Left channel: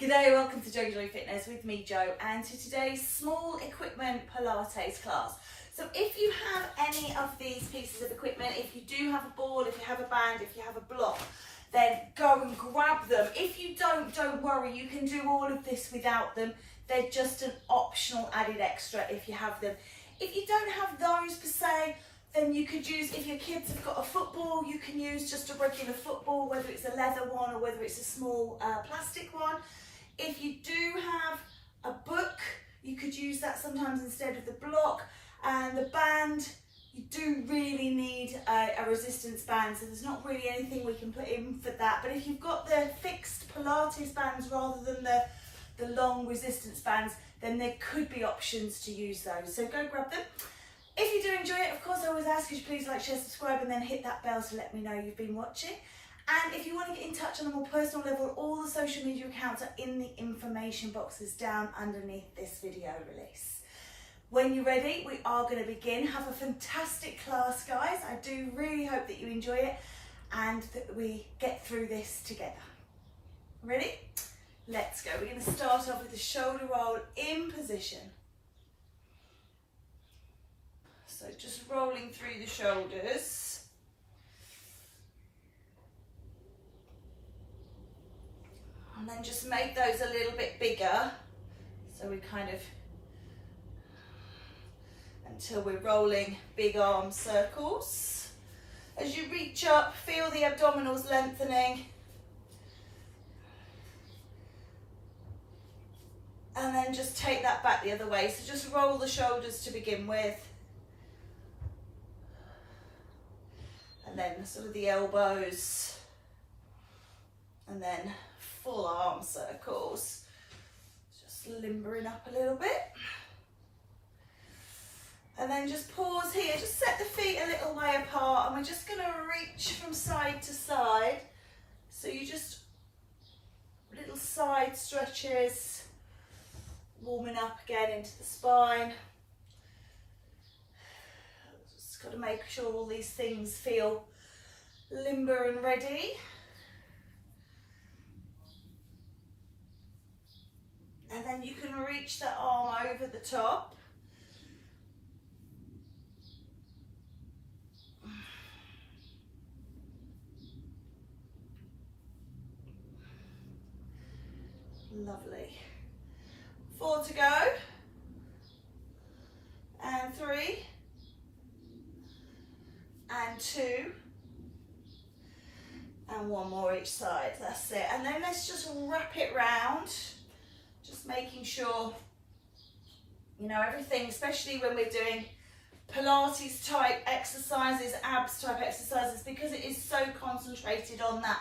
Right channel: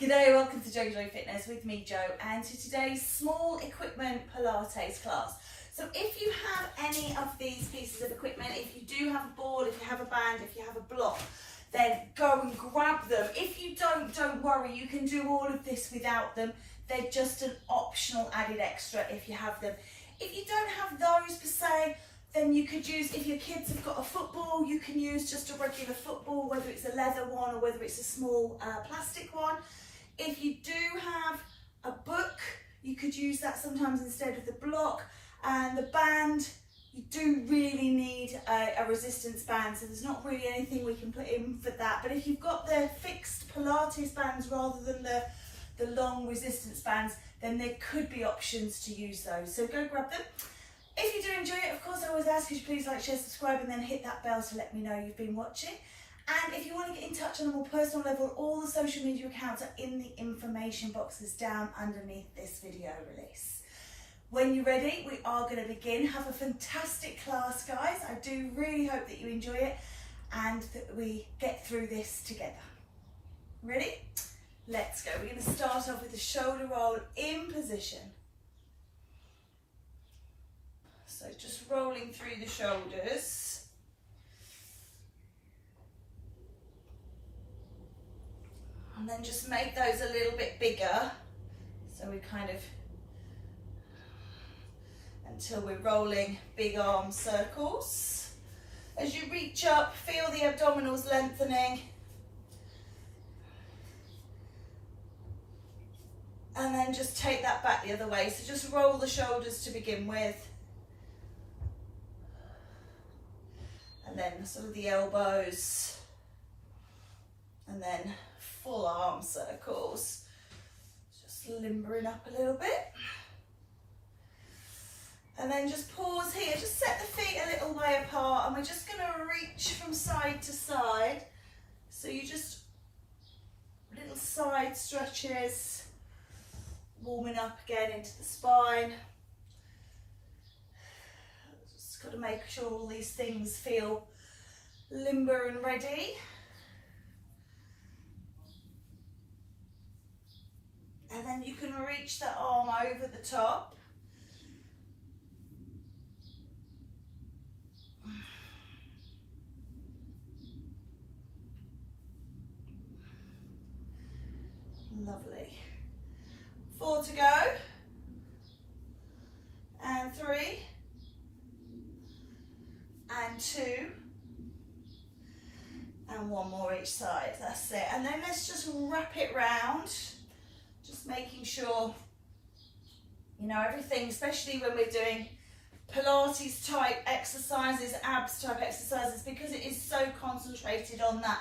G'day, welcome to JoeGa Fitness with me, Jo, and to today's small equipment Pilates class. So if you have any of these pieces of equipment, if you do have a ball, if you have a band, if you have a block, then go and grab them. If you don't worry, you can do all of this without them. They're just an optional added extra if you have them. If you don't have those per se, then you could use, if your kids have got a football, you can use just a regular football, whether it's a leather one or whether it's a small plastic one. If you do have a book, you could use that sometimes instead of the block. And the band, you do really need a resistance band, so there's not really anything we can put in for that. But if you've got the fixed Pilates bands rather than the long resistance bands, then there could be options to use those. So go grab them. If you do enjoy it, of course, I always ask you to please like, share, subscribe, and then hit that bell to let me know you've been watching. And if you want to get in touch on a more personal level, all the social media accounts are in the information boxes down underneath this video release. When you're ready, we are going to begin. Have a fantastic class, guys. I do really hope that you enjoy it and that we get through this together. Ready? Let's go. We're going to start off with the shoulder roll in position. So just rolling through the shoulders. And then just make those a little bit bigger. So we kind of, until we're rolling big arm circles. As you reach up, feel the abdominals lengthening. And then just take that back the other way. So just roll the shoulders to begin with. And then sort of the elbows. And then full arm circles. Just limbering up a little bit. And then just pause here. Just set the feet a little way apart. And we're just going to reach from side to side. So you just, little side stretches. Warming up again into the spine. Just got to make sure all these things feel limber and ready. And then you can reach the arm over the top. Lovely. 4 to go. And 3. And 2. And 1 more each side. That's it. And then let's just wrap it round. Just making sure, you know, everything, especially when we're doing Pilates type exercises, abs type exercises, because it is so concentrated on that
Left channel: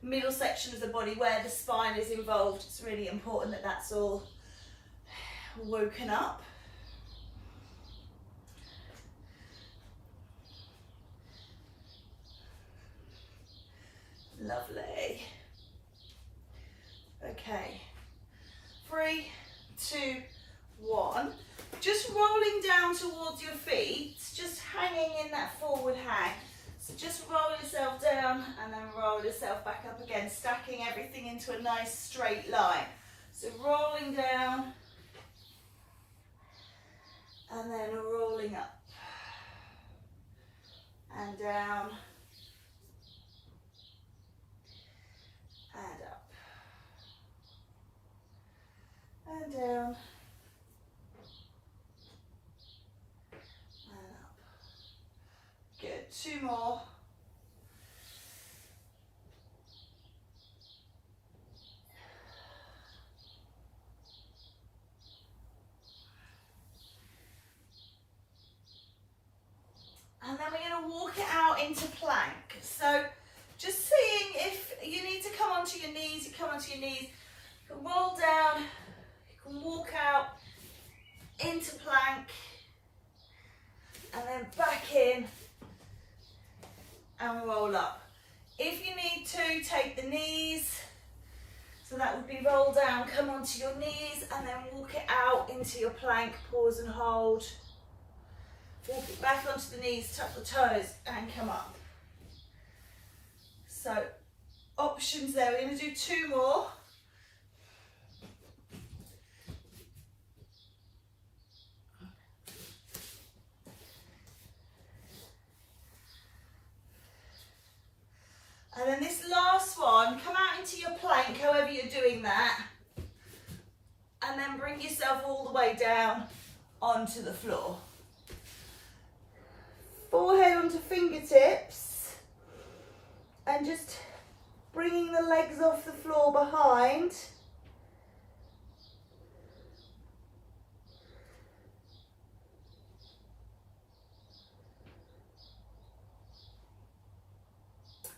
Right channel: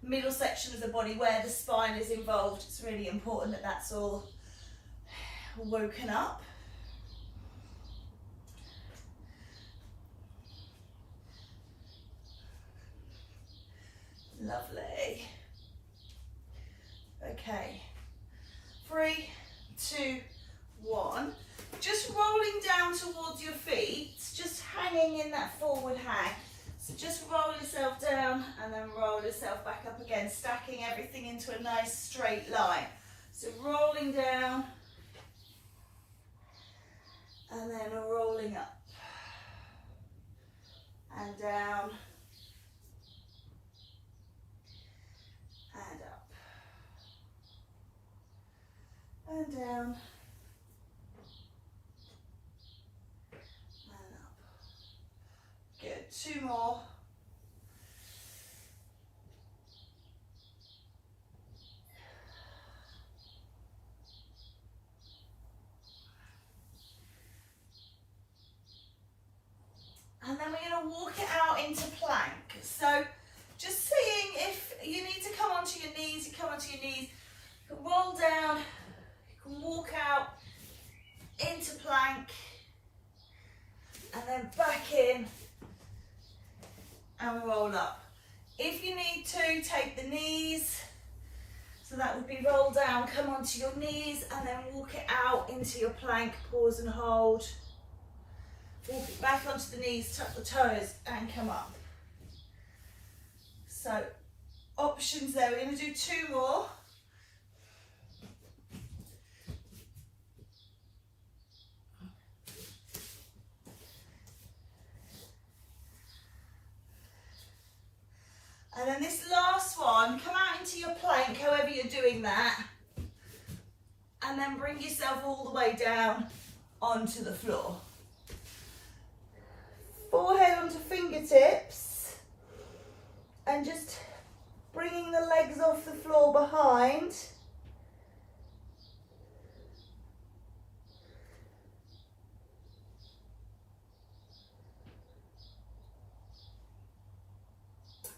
middle section of the body where the spine is involved. It's really important that that's all woken up. Lovely. Okay. 3, 2, 1. Just rolling down towards your feet, just hanging in that forward hang. So just roll yourself down and then roll yourself back up again, stacking everything into a nice straight line. So rolling down and then rolling up and down and up. And down and up. Good. 2 more. And then we're going to walk it out into plank. So just seeing if you need to come onto your knees, you come onto your knees, you can roll down. Walk out into plank and then back in and roll up. If you need to, take the knees, so that would be roll down, come onto your knees and then walk it out into your plank, pause and hold. Walk it back onto the knees, tuck the toes and come up. So options there, we're going to do 2 more. doing that. And then bring yourself all the way down onto the floor. Forehead onto fingertips. And just bringing the legs off the floor behind.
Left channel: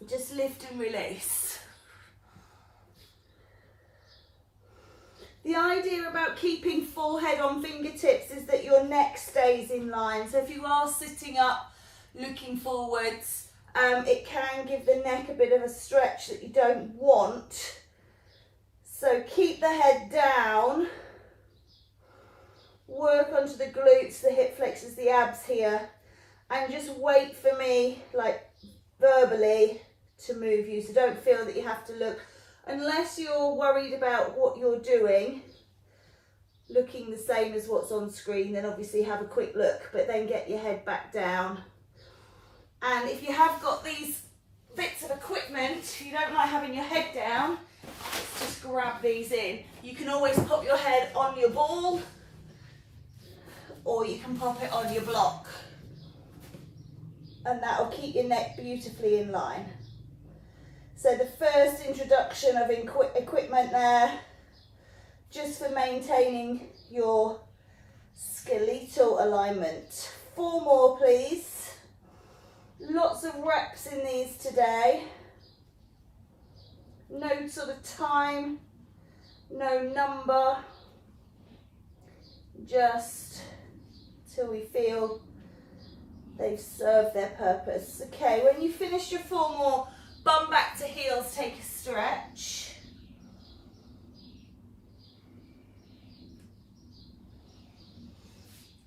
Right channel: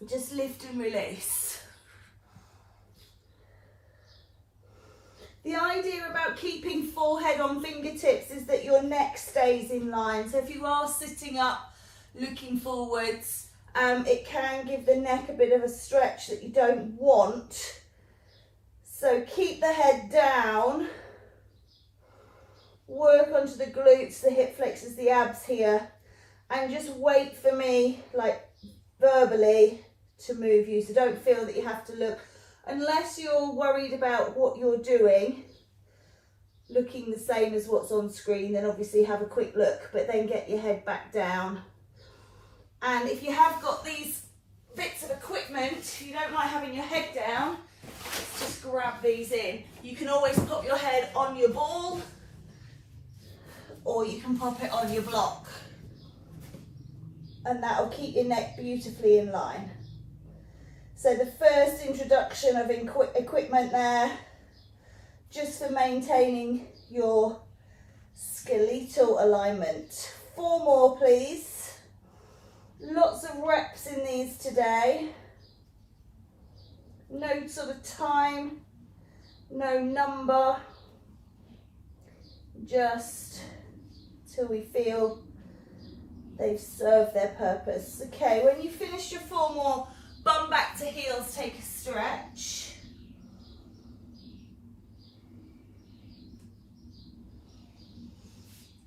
Just lift and release. The idea about keeping forehead on fingertips is that your neck stays in line. So if you are sitting up, looking forwards, it can give the neck a bit of a stretch that you don't want. So keep the head down. Work onto the glutes, the hip flexors, the abs here. And just wait for me, like verbally, to move you. So don't feel that you have to look, unless you're worried about what you're doing, looking the same as what's on screen, then obviously have a quick look, but then get your head back down. And if you have got these bits of equipment, you don't like having your head down, just grab these in. You can always pop your head on your ball, or you can pop it on your block. And that will keep your neck beautifully in line. So the first introduction of equipment there, just for maintaining your skeletal alignment. 4 more, please. Lots of reps in these today. No sort of time, no number, just till we feel they've served their purpose. Okay, when you finish your 4 more, bum back to heels, take a stretch.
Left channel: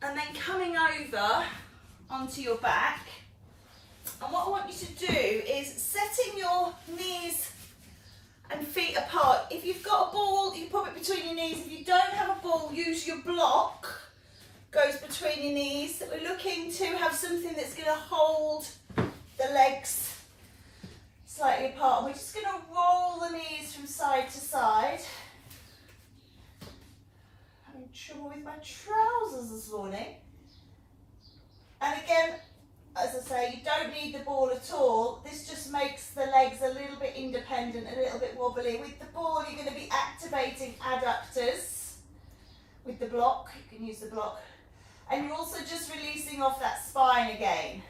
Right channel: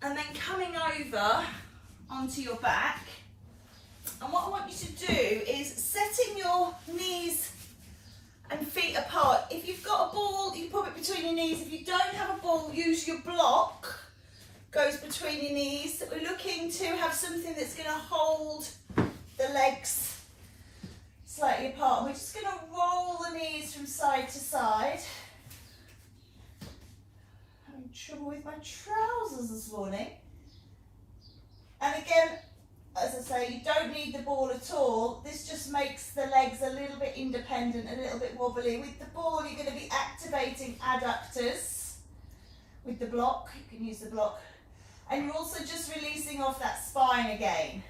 And then coming over onto your back. And what I want you to do is setting your knees and feet apart. If you've got a ball, you pop it between your knees. If you don't have a ball, use your block. Goes between your knees. We're looking to have something that's going to hold the legs slightly apart. We're just going to roll the knees from side to side. Having trouble with my trousers this morning. And again, as I say, you don't need the ball at all. This just makes the legs a little bit independent, a little bit wobbly. With the ball, you're going to be activating adductors. With the block, you can use the block. And you're also just releasing off that spine again.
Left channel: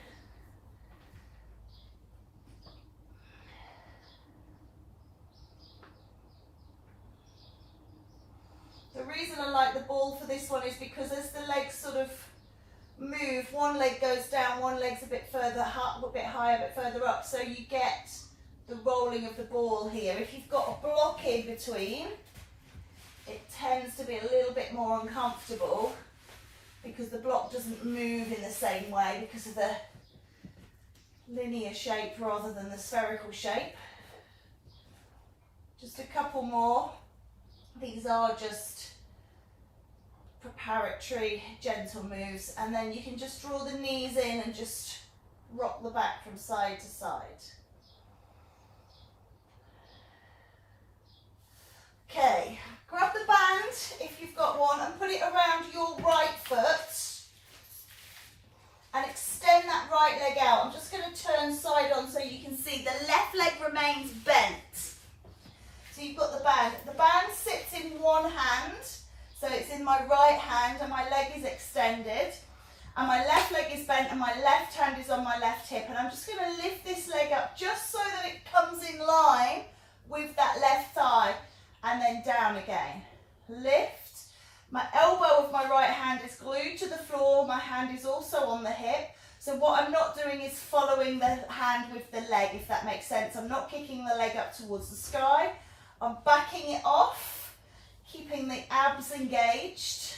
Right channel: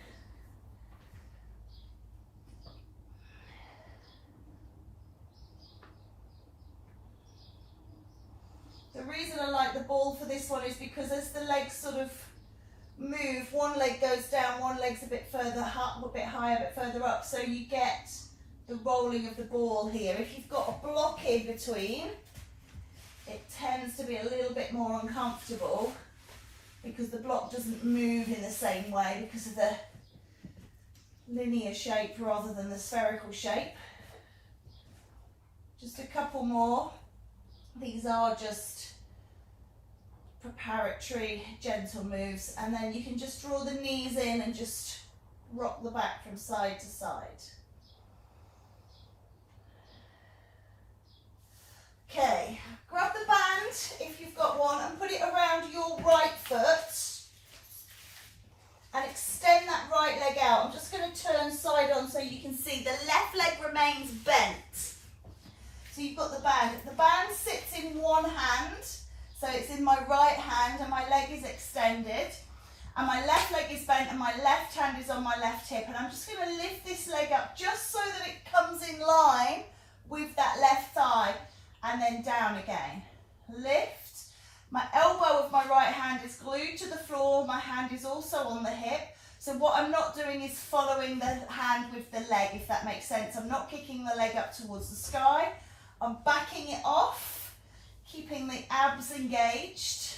The reason I like the ball for this one is because as the legs sort of move, one leg goes down, one leg's a bit further up, a bit higher, a bit further up, so you get the rolling of the ball here. If you've got a block in between, it tends to be a little bit more uncomfortable because the block doesn't move in the same way because of the linear shape rather than the spherical shape. Just a couple more. These are just preparatory gentle moves, and then you can just draw the knees in and just rock the back from side to side. Okay, grab the band if you've got one and put it around your right foot and extend that right leg out. I'm just going to turn side on so you can see the left leg remains bent. So you've got the band. The band sits in one hand, so it's in my right hand and my leg is extended. And my left leg is bent and my left hand is on my left hip. And I'm just going to lift this leg up just so that it comes in line with that left thigh. And then down again. Lift. My elbow of my right hand is glued to the floor. My hand is also on the hip. So what I'm not doing is following the hand with the leg, if that makes sense. I'm not kicking the leg up towards the sky. I'm backing it off, keeping the abs engaged,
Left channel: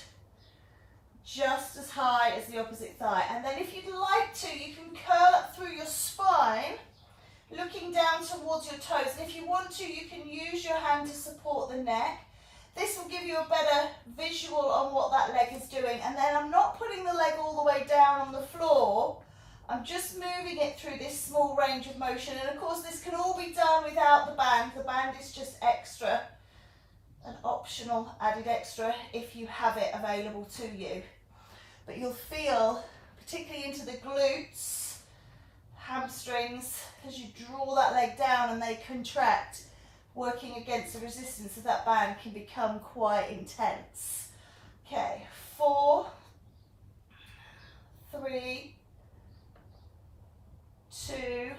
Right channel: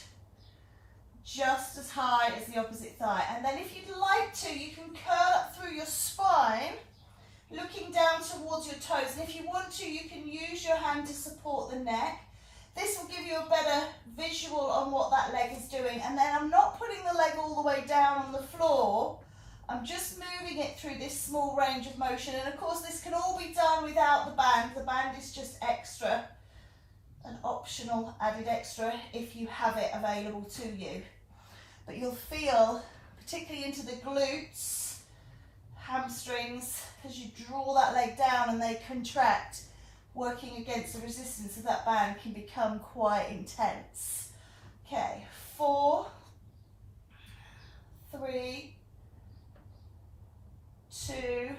just as high as the opposite thigh. And then if you'd like to, you can curl up through your spine, looking down towards your toes. And if you want to, you can use your hand to support the neck. This will give you a better visual on what that leg is doing. And then I'm not putting the leg all the way down on the floor. I'm just moving it through this small range of motion. And of course, this can all be done without the band. The band is just extra an optional added extra if you have it available to you. But you'll feel, particularly into the glutes, hamstrings, as you draw that leg down and they contract, working against the resistance of that band can become quite intense. Okay, 4, 3, 2,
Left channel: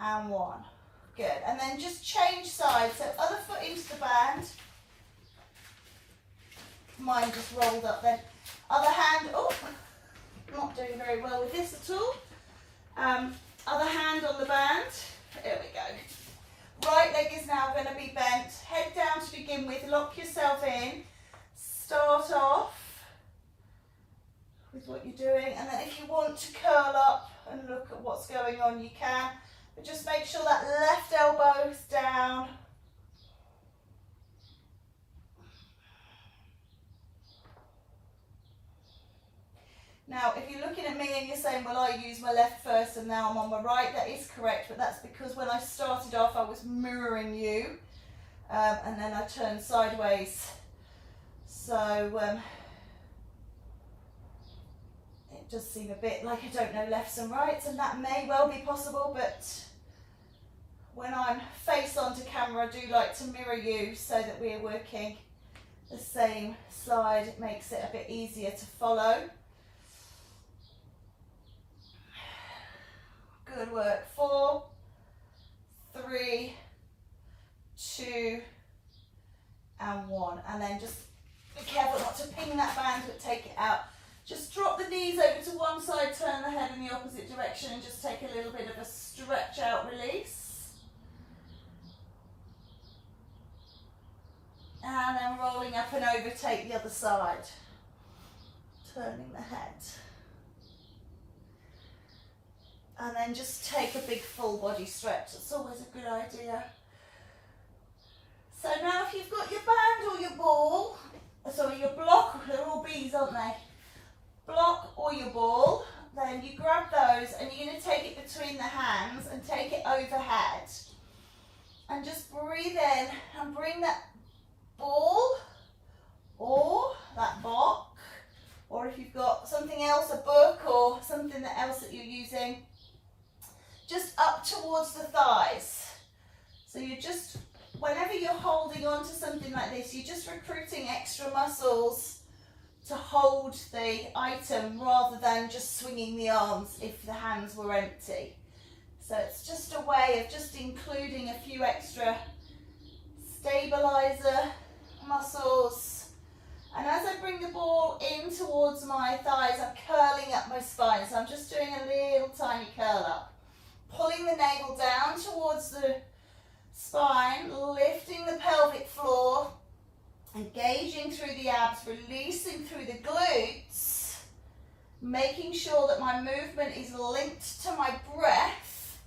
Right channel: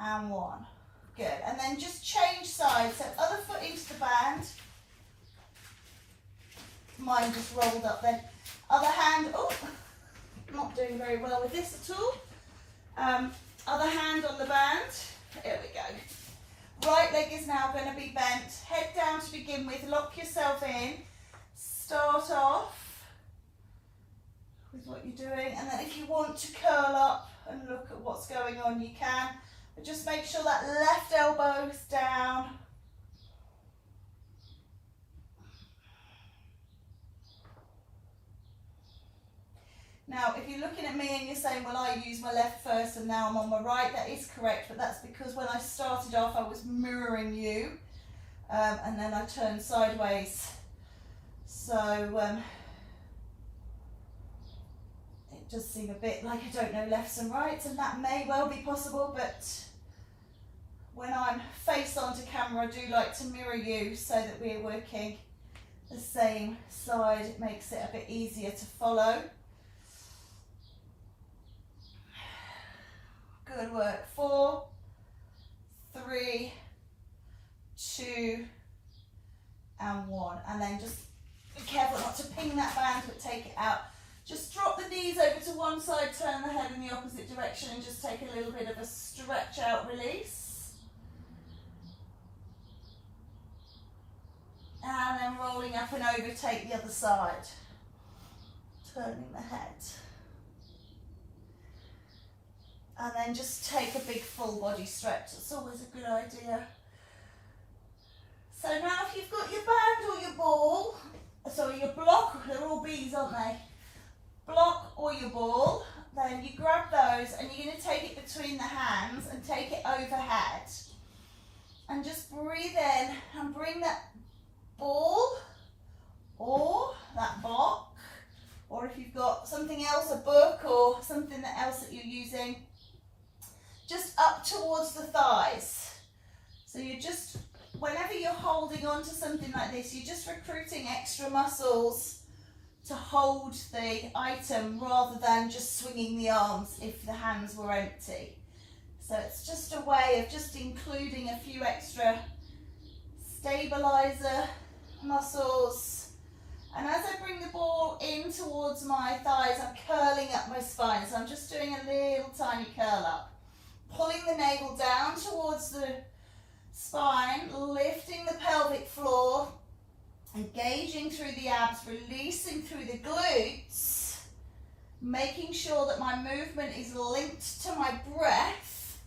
and 1. Good, and then just change sides, so other foot into the band. Mine just rolled up then. Other hand, oh, not doing very well with this at all. Other hand on the band, there we go. Right leg is now going to be bent, head down to begin with, lock yourself in, start off with what you're doing, and then if you want to curl up and look at what's going on, you can, but just make sure that left elbow is down. Now, if you're looking at me and you're saying, well, I use my left first and now I'm on my right, that is correct, but that's because when I started off, I was mirroring you, and then I turned sideways. So, it does seem a bit like I don't know lefts and rights, and that may well be possible, but when I'm face onto camera, I do like to mirror you so that we're working the same side. It makes it a bit easier to follow. Good work. 4, 3, 2, and 1. And then just be careful not to ping that band, but take it out. Just drop the knees over to one side, turn the head in the opposite direction, and just take a little bit of a stretch out release. And then rolling up and over, take the other side. Turning the head. And then just take a big full body stretch. It's always a good idea. So now if you've got your band or your ball, sorry, your block, they're all bees, aren't they? Block or your ball, then you grab those and you're going to take it between the hands and take it overhead. And just breathe in and bring that ball or that block, or if you've got something else, a book or something else that you're using, just up towards the thighs. So you're just, whenever you're holding on to something like this, you're just recruiting extra muscles to hold the item rather than just swinging the arms if the hands were empty. So it's just a way of just including a few extra stabilizer muscles. And as I bring the ball in towards my thighs, I'm curling up my spine. So I'm just doing a little tiny curl up. Pulling the navel down towards the spine, lifting the pelvic floor, engaging through the abs, releasing through the glutes, making sure that my movement is linked to my breath,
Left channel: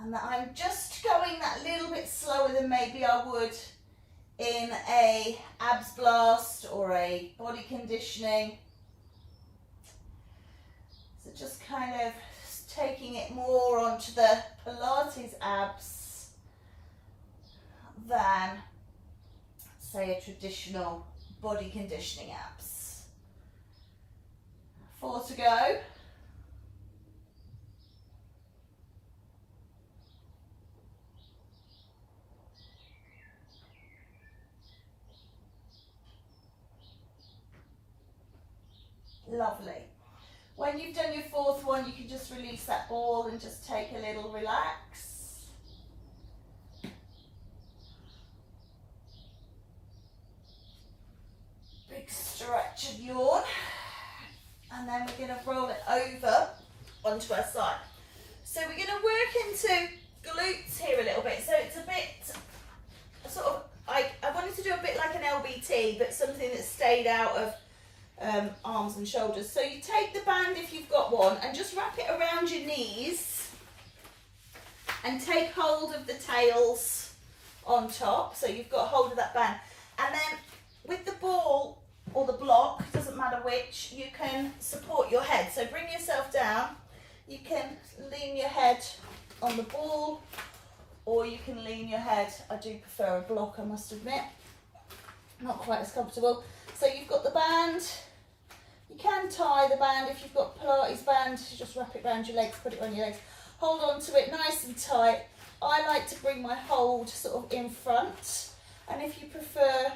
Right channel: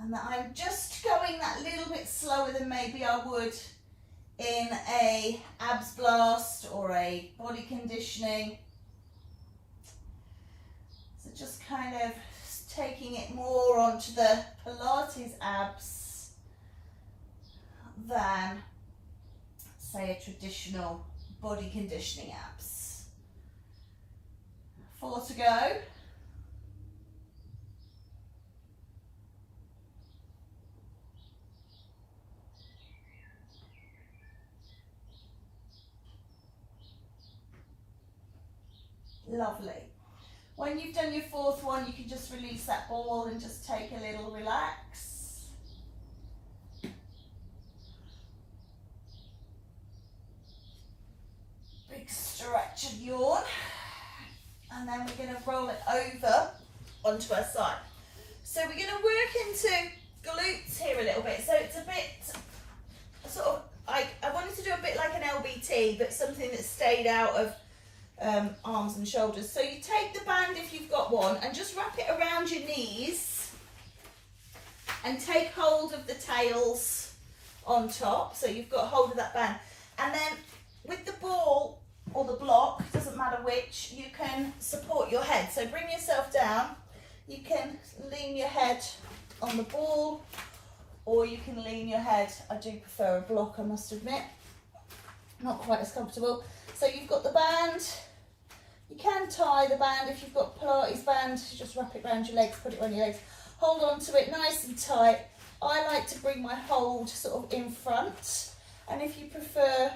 and that I'm just going that little bit slower than maybe I would in a abs blast or a body conditioning. So just kind of taking it more onto the Pilates abs than, say, a traditional body conditioning abs. 4 to go. Lovely. When you've done your fourth one, you can just release that ball and just take a little relax. Big stretch and yawn. And then we're going to roll it over onto our side. So we're going to work into glutes here a little bit. So it's a bit sort of, I wanted to do a bit like an LBT, but something that stayed out of arms and shoulders. So you take the band if you've got one and just wrap it around your knees and take hold of the tails on top, so you've got hold of that band, and then with the ball or the block, doesn't matter which, you can support your head. So bring yourself down, you can lean your head on the ball or you can lean your head. I do prefer a block, I must admit. Not quite as comfortable. So you've got the band. You can tie the band if you've got Pilates band. Just wrap it around your legs, put it on your legs. Hold on to it nice and tight. I like to bring my hold sort of in front. And if you prefer,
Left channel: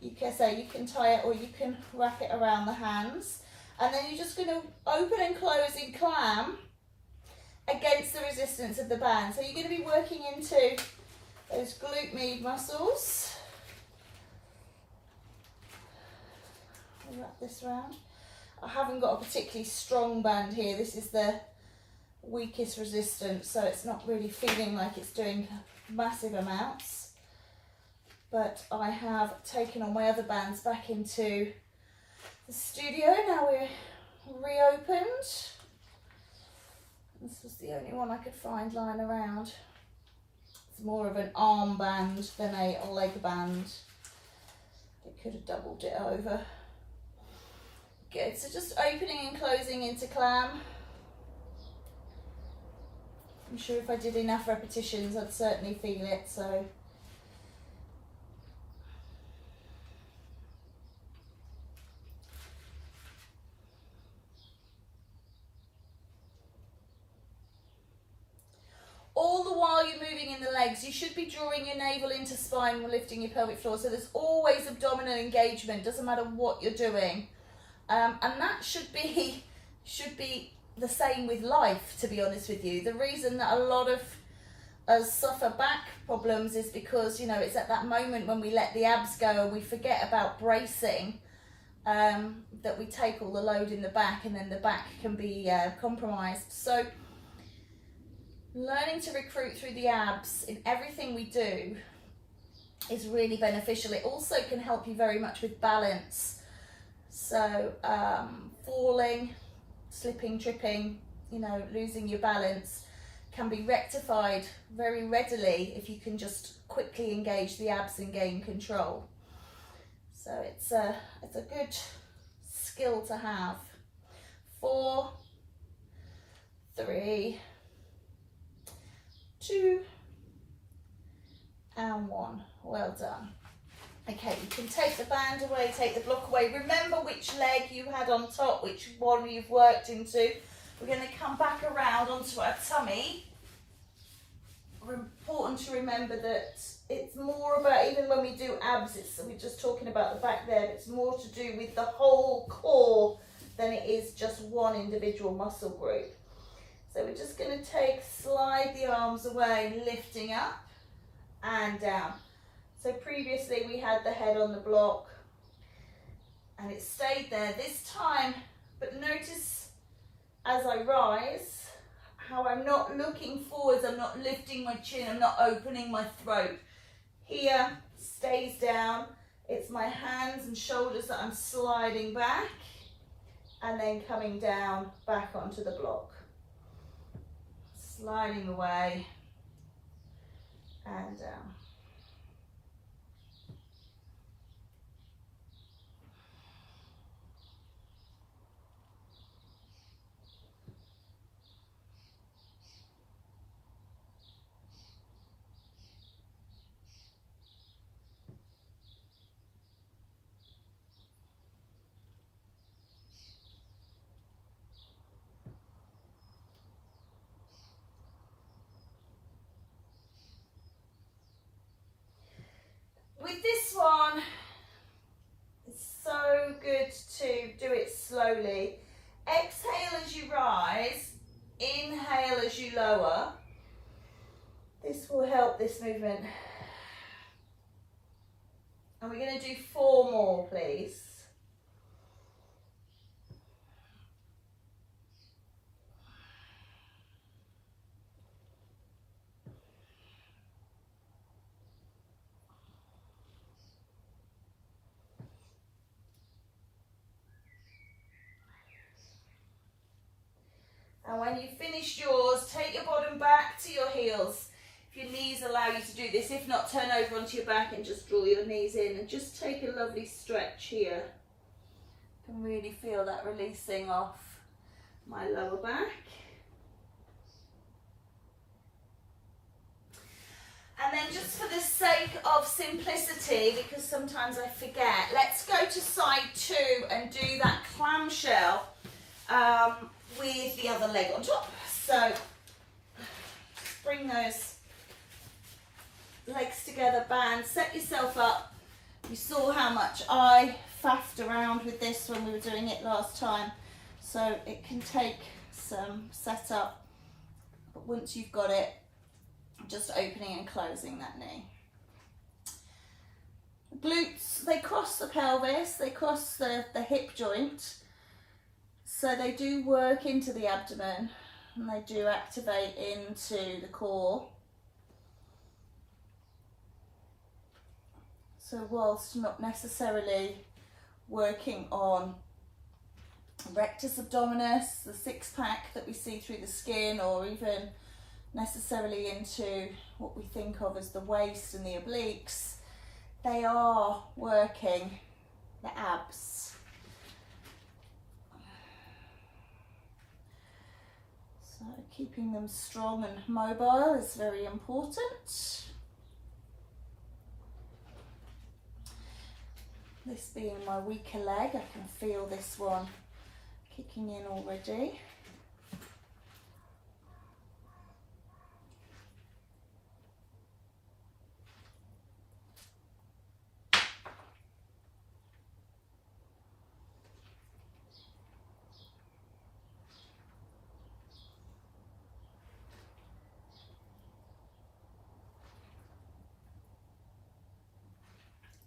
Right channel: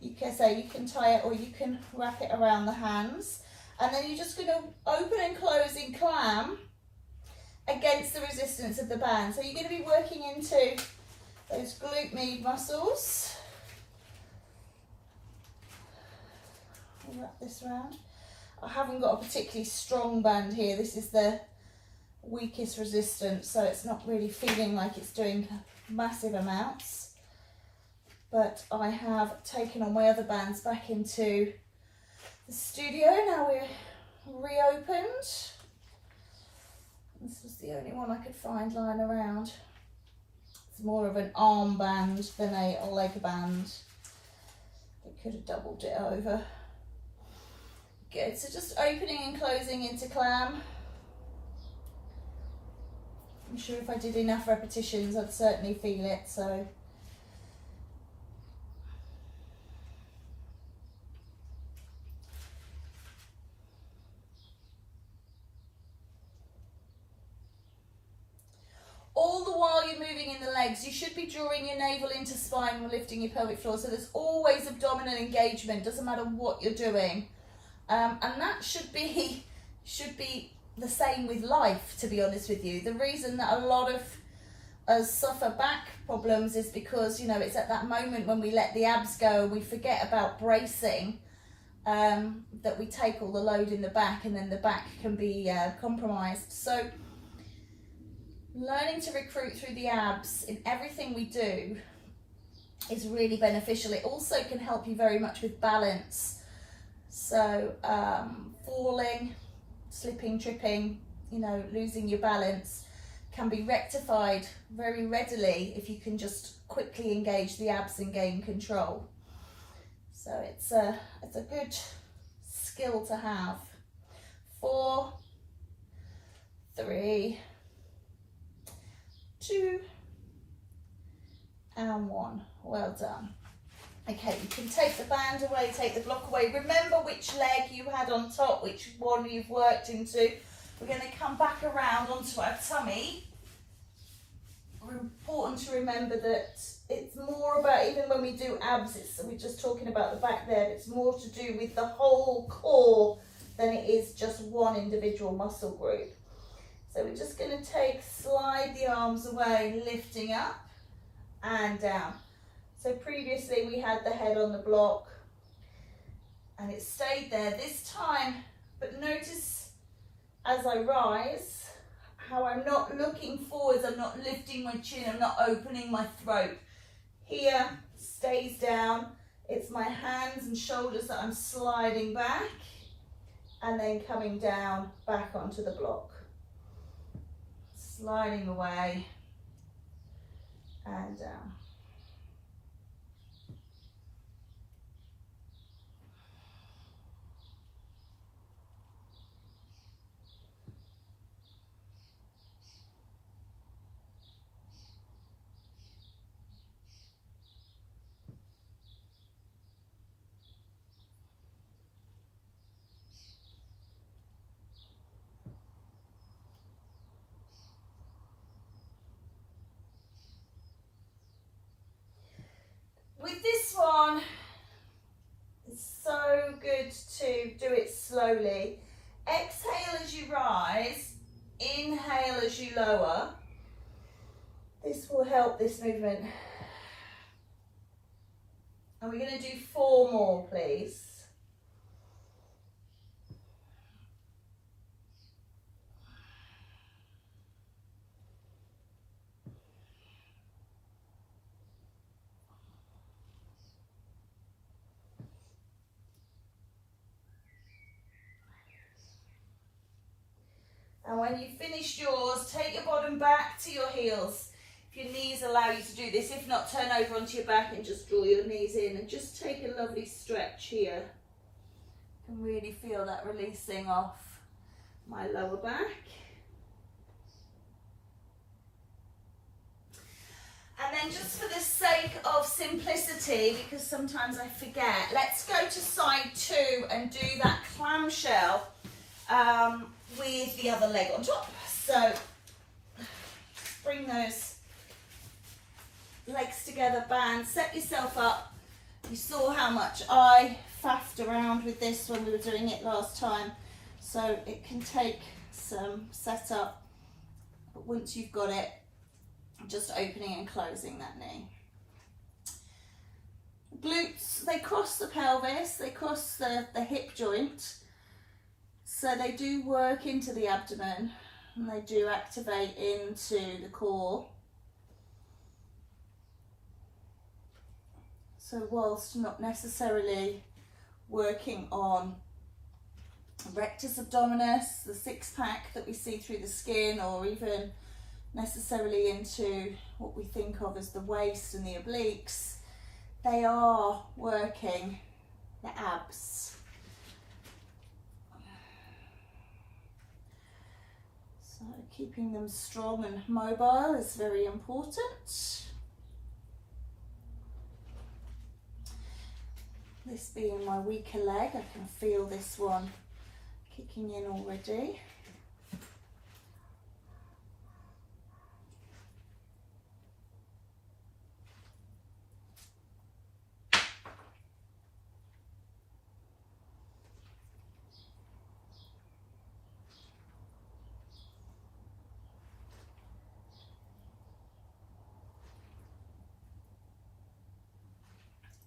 you can tie it or you can wrap it around the hands. And then you're just going to open and close in clam against the resistance of the band. So you're going to be working into those glute med muscles. I'll wrap this around. I haven't got a particularly strong band here. This is the weakest resistance, so it's not really feeling like it's doing massive amounts. But I have taken all my other bands back into the studio. Now we're reopened. This was the only one I could find lying around. It's more of an arm band than a leg band. They could have doubled it over. Good, so just opening and closing into clam. I'm sure if I did enough repetitions, I'd certainly feel it, so. All the while you're moving in the legs, you should be drawing your navel into spine and lifting your pelvic floor, so there's always abdominal engagement, doesn't matter what you're doing. And that should be the same with life, to be honest with you. The reason that a lot of us suffer back problems is because, you know, it's at that moment when we let the abs go and we forget about bracing, that we take all the load in the back, and then the back can be compromised. So learning to recruit through the abs in everything we do is really beneficial. It also can help you very much with balance. So falling, slipping, tripping, you know, losing your balance can be rectified very readily if you can just quickly engage the abs and gain control. So it's a good skill to have. 4, 3, 2, and 1. Well done. Okay, you can take the band away, take the block away. Remember which leg you had on top, which one you've worked into. We're going to come back around onto our tummy. Important to remember that it's more about, even when we do abs, we're just talking about the back there, but it's more to do with the whole core than it is just one individual muscle group. So we're just going to slide the arms away, lifting up and down. So previously we had the head on the block and it stayed there this time, but notice as I rise how I'm not looking forwards, I'm not lifting my chin, I'm not opening my throat. Here stays down, it's my hands and shoulders that I'm sliding back and then coming down back onto the block. Sliding away and down. With this one, it's so good to do it slowly. Exhale as you rise, inhale as you lower. This will help this movement. And we're going to do 4 more, please. And when you've finished yours, take your bottom back to your heels. If your knees allow you to do this, if not, turn over onto your back and just draw your knees in and just take a lovely stretch here. You can really feel that releasing off my lower back. And then just for the sake of simplicity, because sometimes I forget, let's go to side 2 and do that clamshell with the other leg on top. So bring those legs together, band, set yourself up. You saw how much I faffed around with this when we were doing it last time, so it can take some setup, but once you've got it, just opening and closing that knee. Glutes, they cross the pelvis, they cross the hip joint, so they do work into the abdomen and they do activate into the core. So whilst not necessarily working on rectus abdominis, the six-pack that we see through the skin, or even necessarily into what we think of as the waist and the obliques, they are working the abs. So keeping them strong and mobile is very important. This being my weaker leg, I can feel this one kicking in already.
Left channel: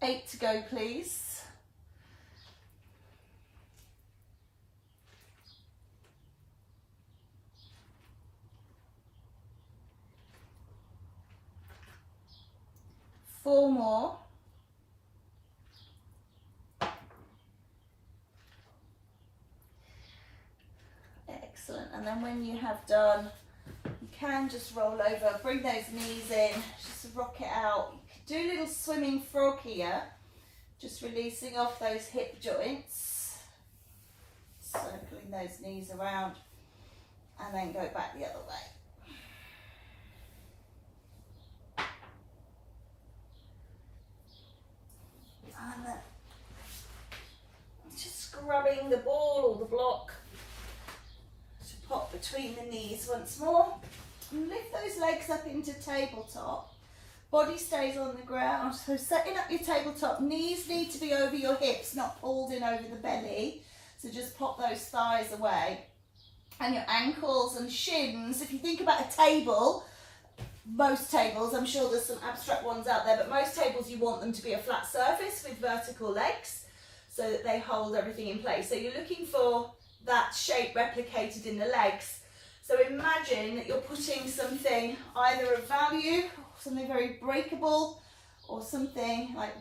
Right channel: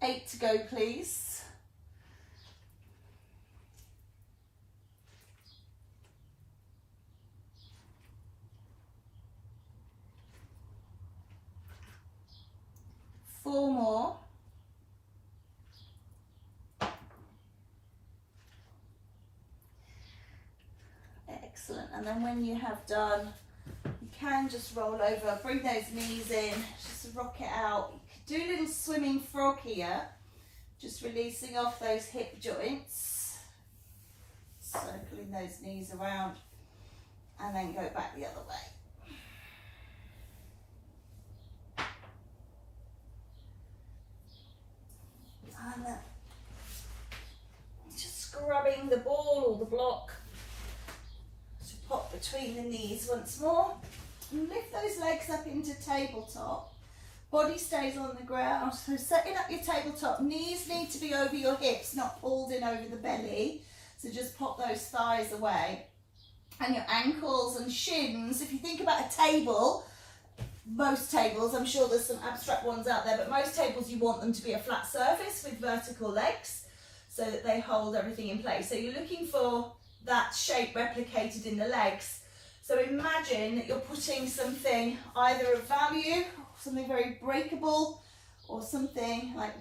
Eight to go, please. Four more. Excellent. And then when you have done, you can just roll over, bring those knees in, just rock it out. You can do a little swimming frog here, just releasing off those hip joints, circling those knees around, and then go back the other way. And then just scrubbing the ball or the block to pop between the knees once more. And lift those legs up into tabletop. Body stays on the ground. So setting up your tabletop, knees need to be over your hips, not pulled in over the belly. So just pop those thighs away. And your ankles and shins, if you think about a table, most tables, I'm sure there's some abstract ones out there, but most tables you want them to be a flat surface with vertical legs so that they hold everything in place. So you're looking for that shape replicated in the legs. So imagine that you're putting something either of value, something very breakable, or something like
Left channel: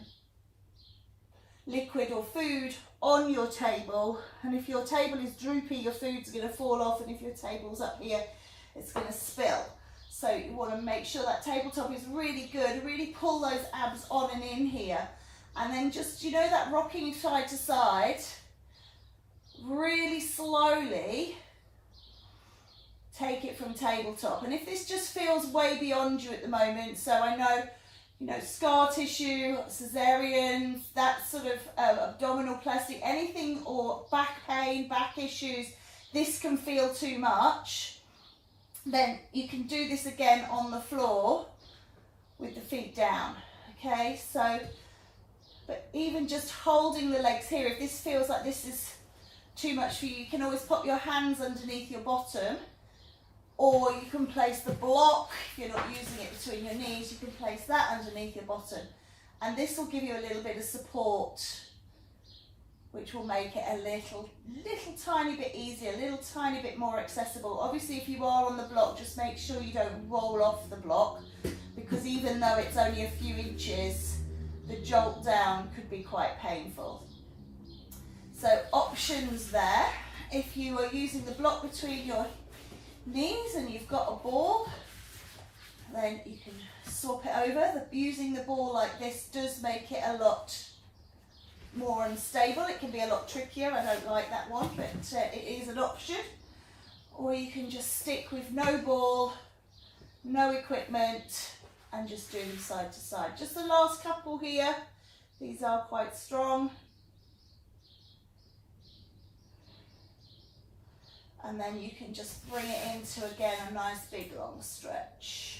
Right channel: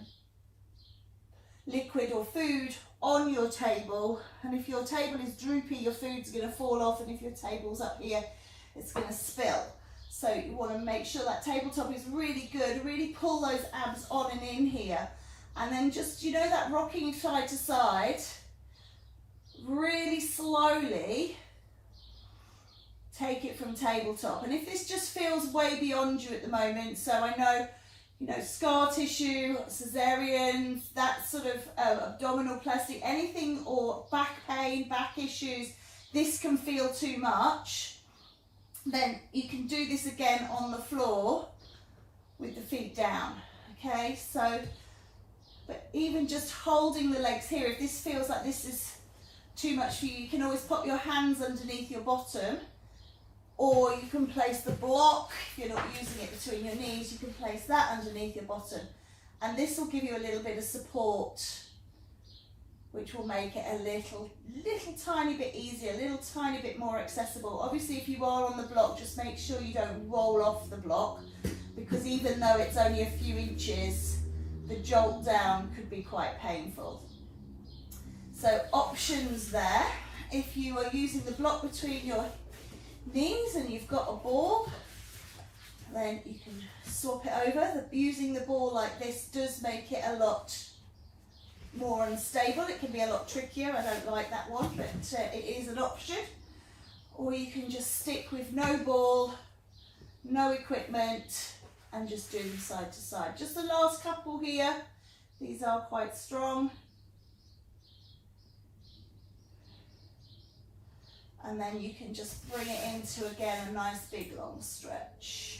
liquid or food on your table. And if your table is droopy, your food's going to fall off, and if your table's up here, it's going to spill. So you want to make sure that tabletop is really good, really pull those abs on and in here. And then just, you know, that rocking side to side, really slowly take it from tabletop. And if this just feels way beyond you at the moment, so I know, you know, scar tissue, cesarean, that sort of abdominal plastic, anything, or back pain, back issues, this can feel too much, then you can do this again on the floor with the feet down, okay? So, but even just holding the legs here, if this feels like this is too much for you, you can always pop your hands underneath your bottom, or you can place the block, if you're not using it between your knees, you can place that underneath your bottom. And this will give you a little bit of support, which will make it a little tiny bit easier, a little tiny bit more accessible. Obviously, if you are on the block, just make sure you don't roll off the block, because even though it's only a few inches, the jolt down could be quite painful. So options there. If you are using the block between your knees and you've got a ball, then you can swap it over. Using the ball like this does make it a lot more unstable. It can be a lot trickier. I don't like that one, but it is an option. Or you can just stick with no ball, no equipment, and just do them side to side. Just the last couple here, these are quite strong. And then you can just bring it into, again, a nice big long stretch.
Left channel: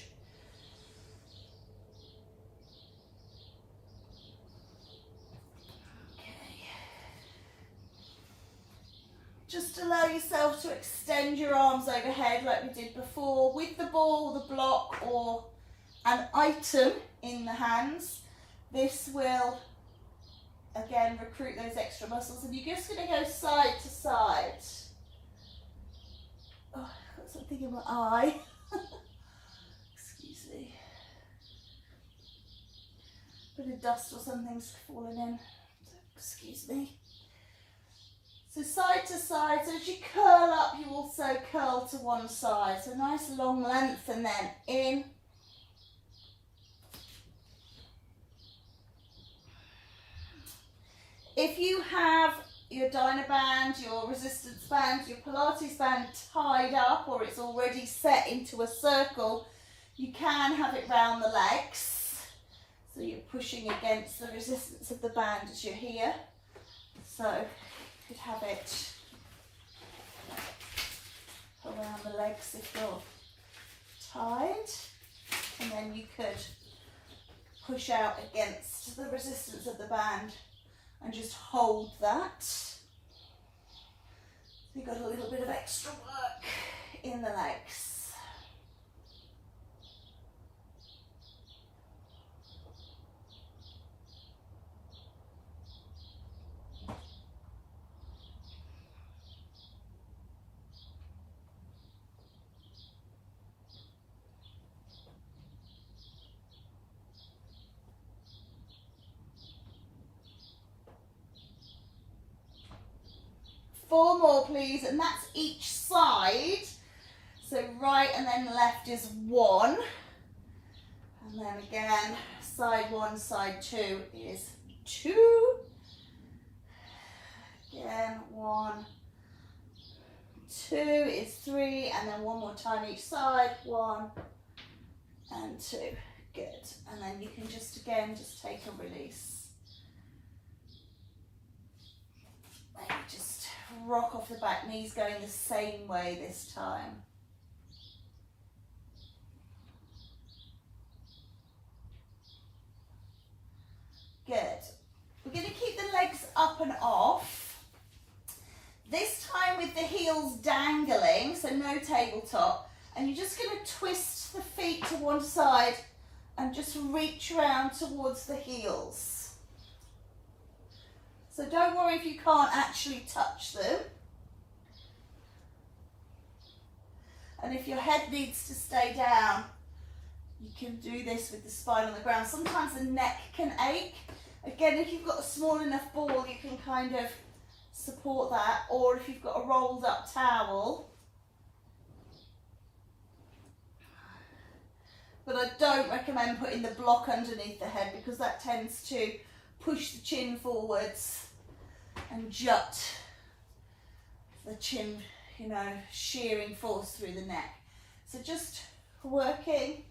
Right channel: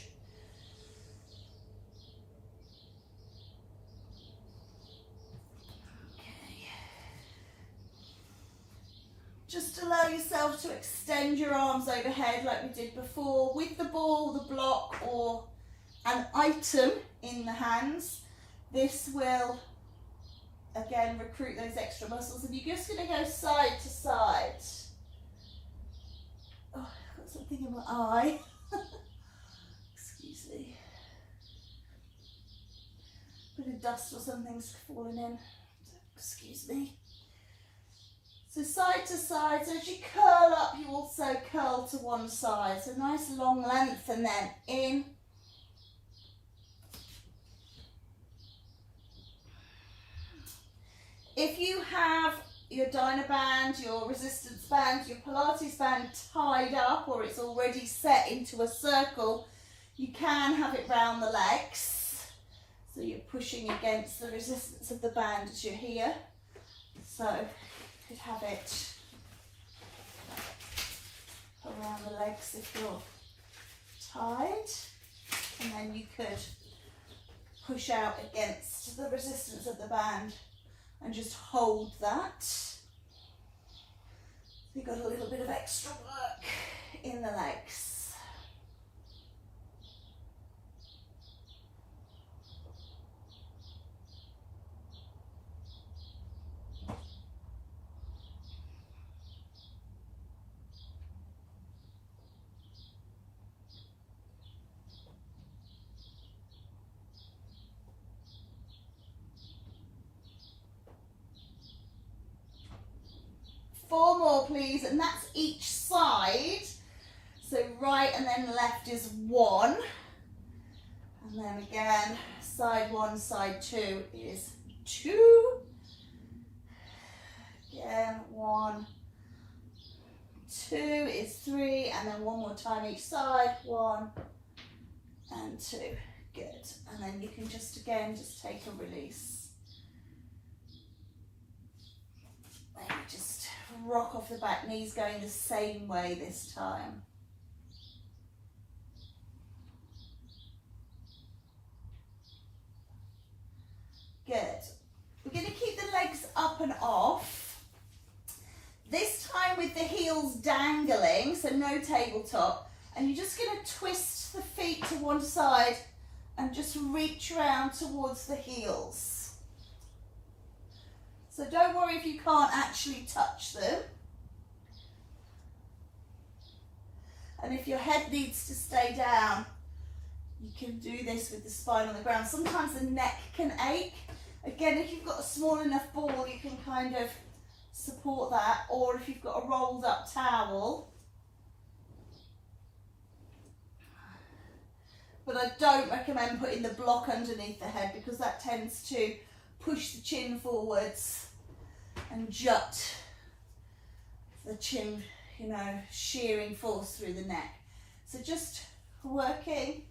Just allow yourself to extend your arms overhead like we did before with the ball, the block, or an item in the hands. This will, again, recruit those extra muscles. And you're just going to go side to side. Oh, I've got something in my eye. Excuse me. Bit of dust or something's fallen in. Excuse me. So side to side, so as you curl up, you also curl to one side. So nice long length, and then in. If you have your dyno band, your resistance band, your Pilates band tied up, or it's already set into a circle, you can have it round the legs. So you're pushing against the resistance of the band as you're here. So could have it around the legs if you're tied, and then you could push out against the resistance of the band and just hold that. You've got a little bit of extra work in the legs. Four more, please, and that's each side. So right and then left is one. And then again, side one, side two is two. Again, one, two is three, and then one more time each side, one and two. Good. And then you can just, again, just take a release. Maybe just rock off the back, knees going the same way this time. Good. We're going to keep the legs up and off. This time with the heels dangling, so no tabletop. And you're just going to twist the feet to one side and just reach around towards the heels. So don't worry if you can't actually touch them. And if your head needs to stay down, you can do this with the spine on the ground. Sometimes the neck can ache. Again, if you've got a small enough ball, you can kind of support that. Or if you've got a rolled up towel. But I don't recommend putting the block underneath the head because that tends to push the chin forwards and jut the chin, you know, shearing force through the neck. So just working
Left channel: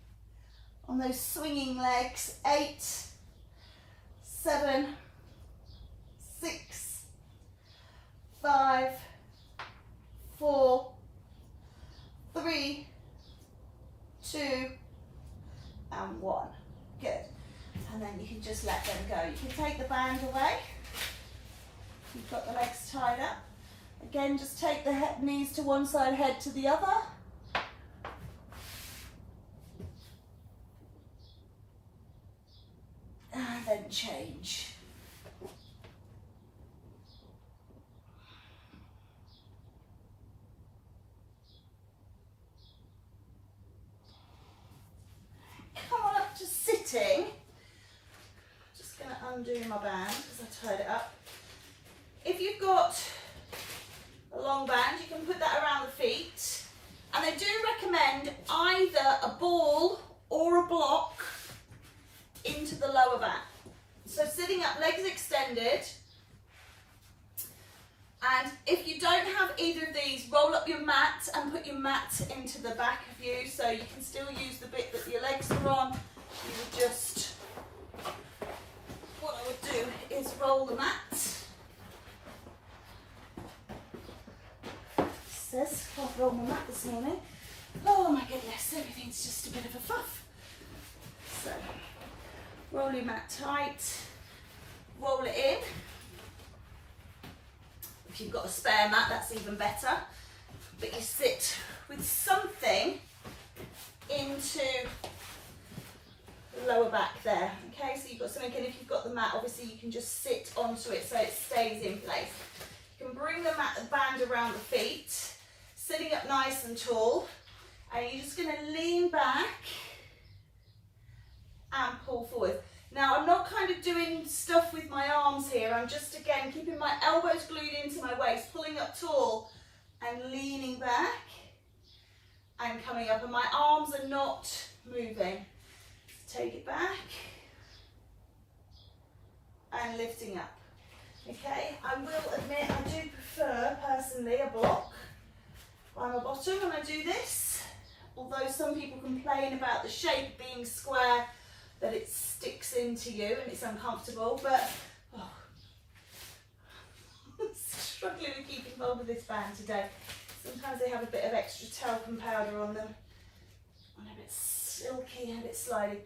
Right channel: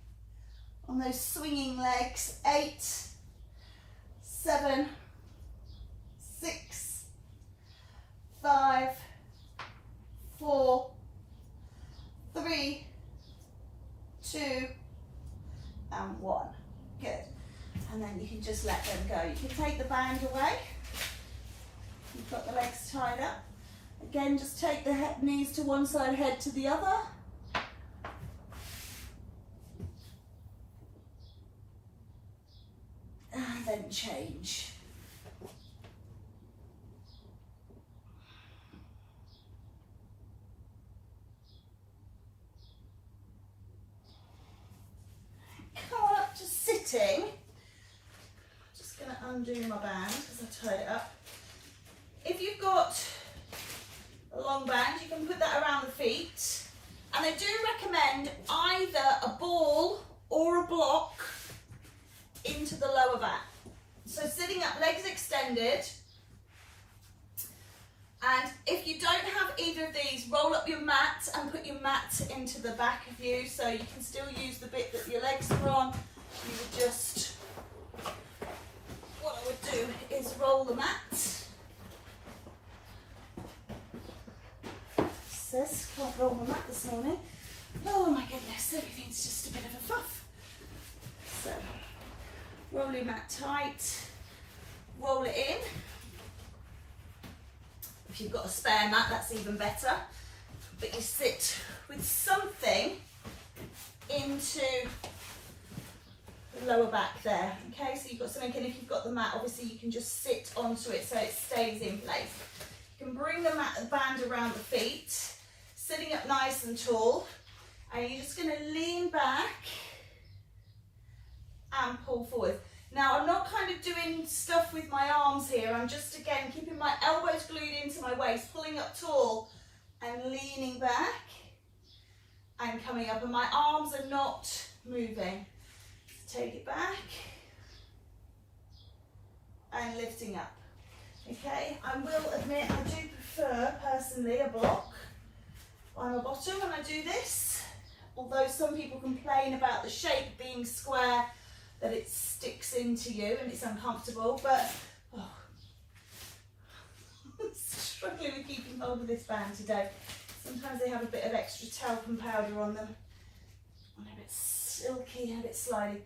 on those swinging legs. 8, 7, 6, 5, 4, 3, 2, and 1. Good. And then you can just let them go. You can take the band away. You've got the legs tied up. Again, just take the knees to one side, head to the other. And then change. Come on up to sitting. Just going to undo my band because I tied it up. If you've got a long band, you can put that around the feet. And I do recommend either a ball or a block into the lower back. So sitting up, legs extended. And if you don't have either of these, roll up your mat and put your mat into the back of you so you can still use the bit that your legs are on. you would just, what I would do is roll the mat. Says, can't roll my mat this morning. Oh my goodness, everything's just a bit of a fuff. So, roll your mat tight, roll it in. If you've got a spare mat, that's even better. But you sit with something into the lower back there. Okay, so you've got something, and if you've got the mat, obviously you can just sit onto it so it stays in place. You can bring the band around the feet, sitting up nice and tall, and you're just going to lean back and pull forward. Now, I'm not kind of doing stuff with my arms here. I'm just, again, keeping my elbows glued into my waist, pulling up tall and leaning back and coming up. And my arms are not moving. Take it back and lifting up. Okay, I will admit I do prefer, personally, a block on the bottom when I do this. Although some people complain about the shape being square, that it sticks into you and it's uncomfortable, but I'm struggling with keeping hold of this band today. Sometimes they have a bit of extra talcum powder on them. And a bit silky, a bit slidey.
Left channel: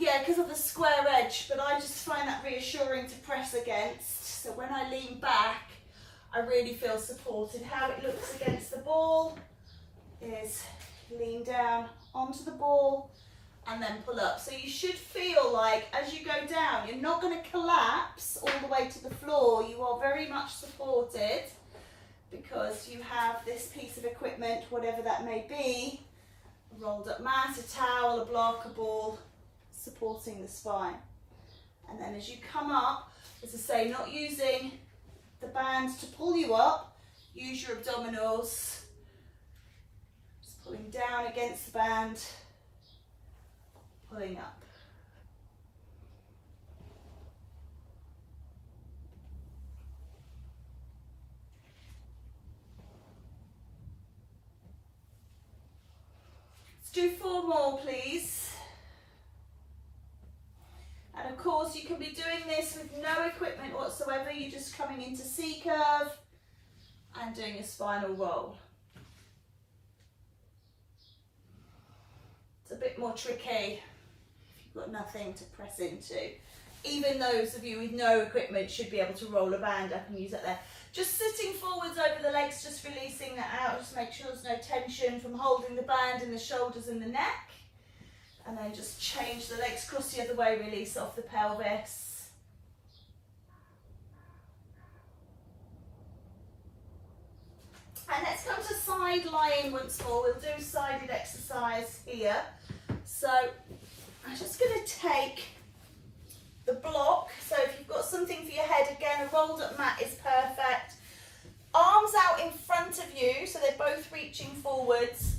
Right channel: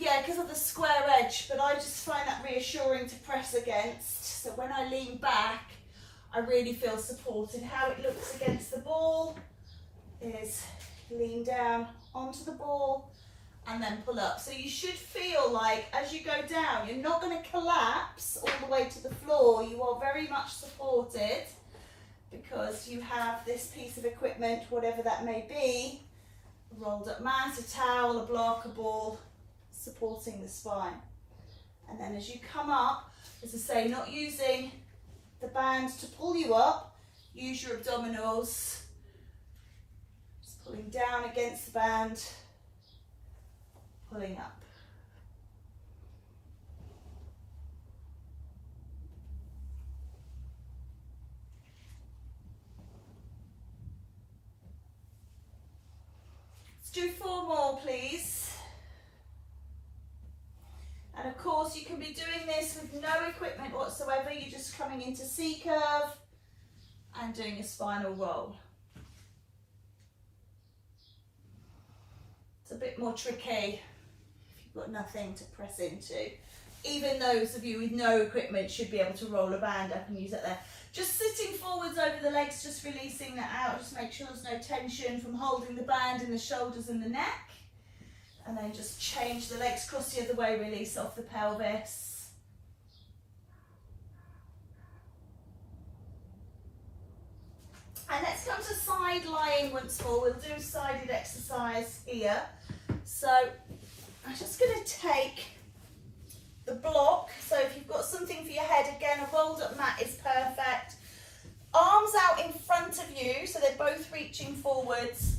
Yeah, because of the square edge, but I just find that reassuring to press against. So when I lean back, I really feel supported. How it looks against the ball is lean down onto the ball and then pull up. So you should feel like as you go down, you're not going to collapse all the way to the floor. You are very much supported because you have this piece of equipment, whatever that may be, a rolled up mat, a towel, a block, a ball, supporting the spine. And then as you come up, as I say, not using the bands to pull you up, use your abdominals, just pulling down against the band, pulling up. Let's do 4 more, please. And of course, you can be doing this with no equipment whatsoever. You're just coming into C-curve and doing a spinal roll. It's a bit more tricky if you've got nothing to press into. Even those of you with no equipment should be able to roll a band up and use it there. Just sitting forwards over the legs, just releasing that out. Just make sure there's no tension from holding the band in the shoulders and the neck. And then just change the legs, cross the other way, release off the pelvis. And let's come to side lying once more. We'll do sided exercise here. So I'm just going to take the block. So if you've got something for your head, again, a rolled up mat is perfect. Arms out in front of you, so they're both reaching forwards.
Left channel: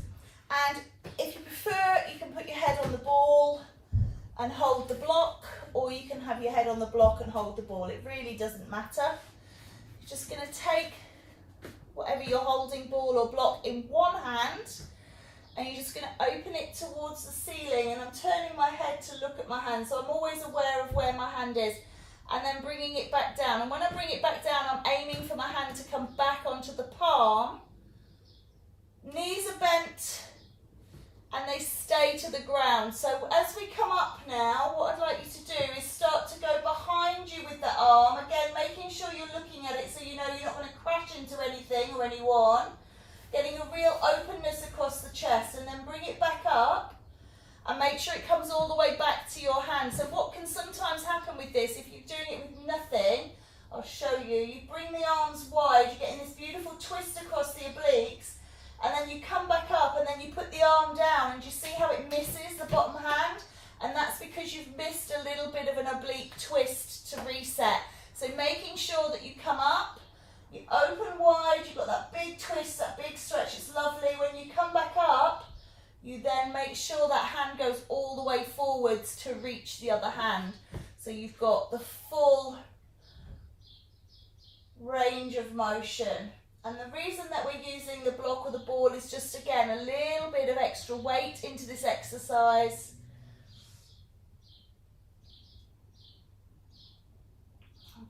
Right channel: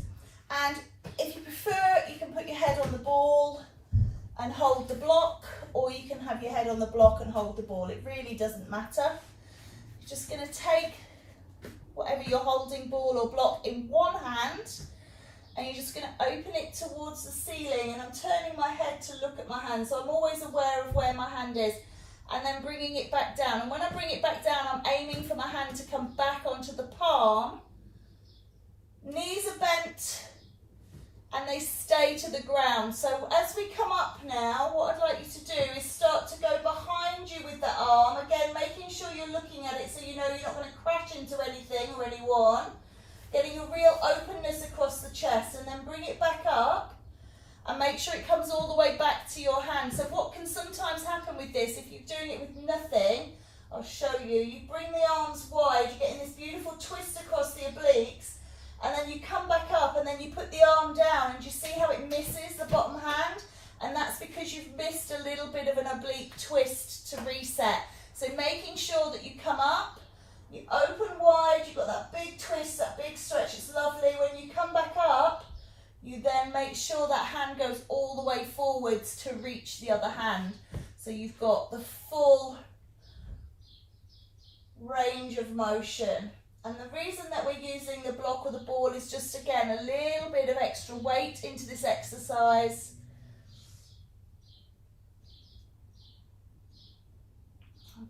And if you prefer it, you can put your head on the ball and hold the block, or you can have your head on the block and hold the ball. It really doesn't matter. You're just going to take whatever you're holding, ball or block, in one hand, and you're just going to open it towards the ceiling. And I'm turning my head to look at my hand, so I'm always aware of where my hand is, and then bringing it back down. And when I bring it back down, I'm aiming for my hand to come back onto the palm. Knees are bent and they stay to the ground. So as we come up now, what I'd like you to do is start to go behind you with the arm. Again, making sure you're looking at it so you know you're not going to crash into anything or anyone. Getting a real openness across the chest, and then bring it back up and make sure it comes all the way back to your hand. So what can sometimes happen with this, if you're doing it with nothing, I'll show you. You bring the arms wide, you're getting this beautiful twist across the obliques, and then you come back up and then you put the arm down, and you see how it misses the bottom hand? And that's because you've missed a little bit of an oblique twist to reset. So making sure that you come up, you open wide, you've got that big twist, that big stretch, it's lovely. When you come back up, you then make sure that hand goes all the way forwards to reach the other hand. So you've got the full range of motion. And the reason that we're using the block or the ball is just, again, a little bit of extra weight into this exercise.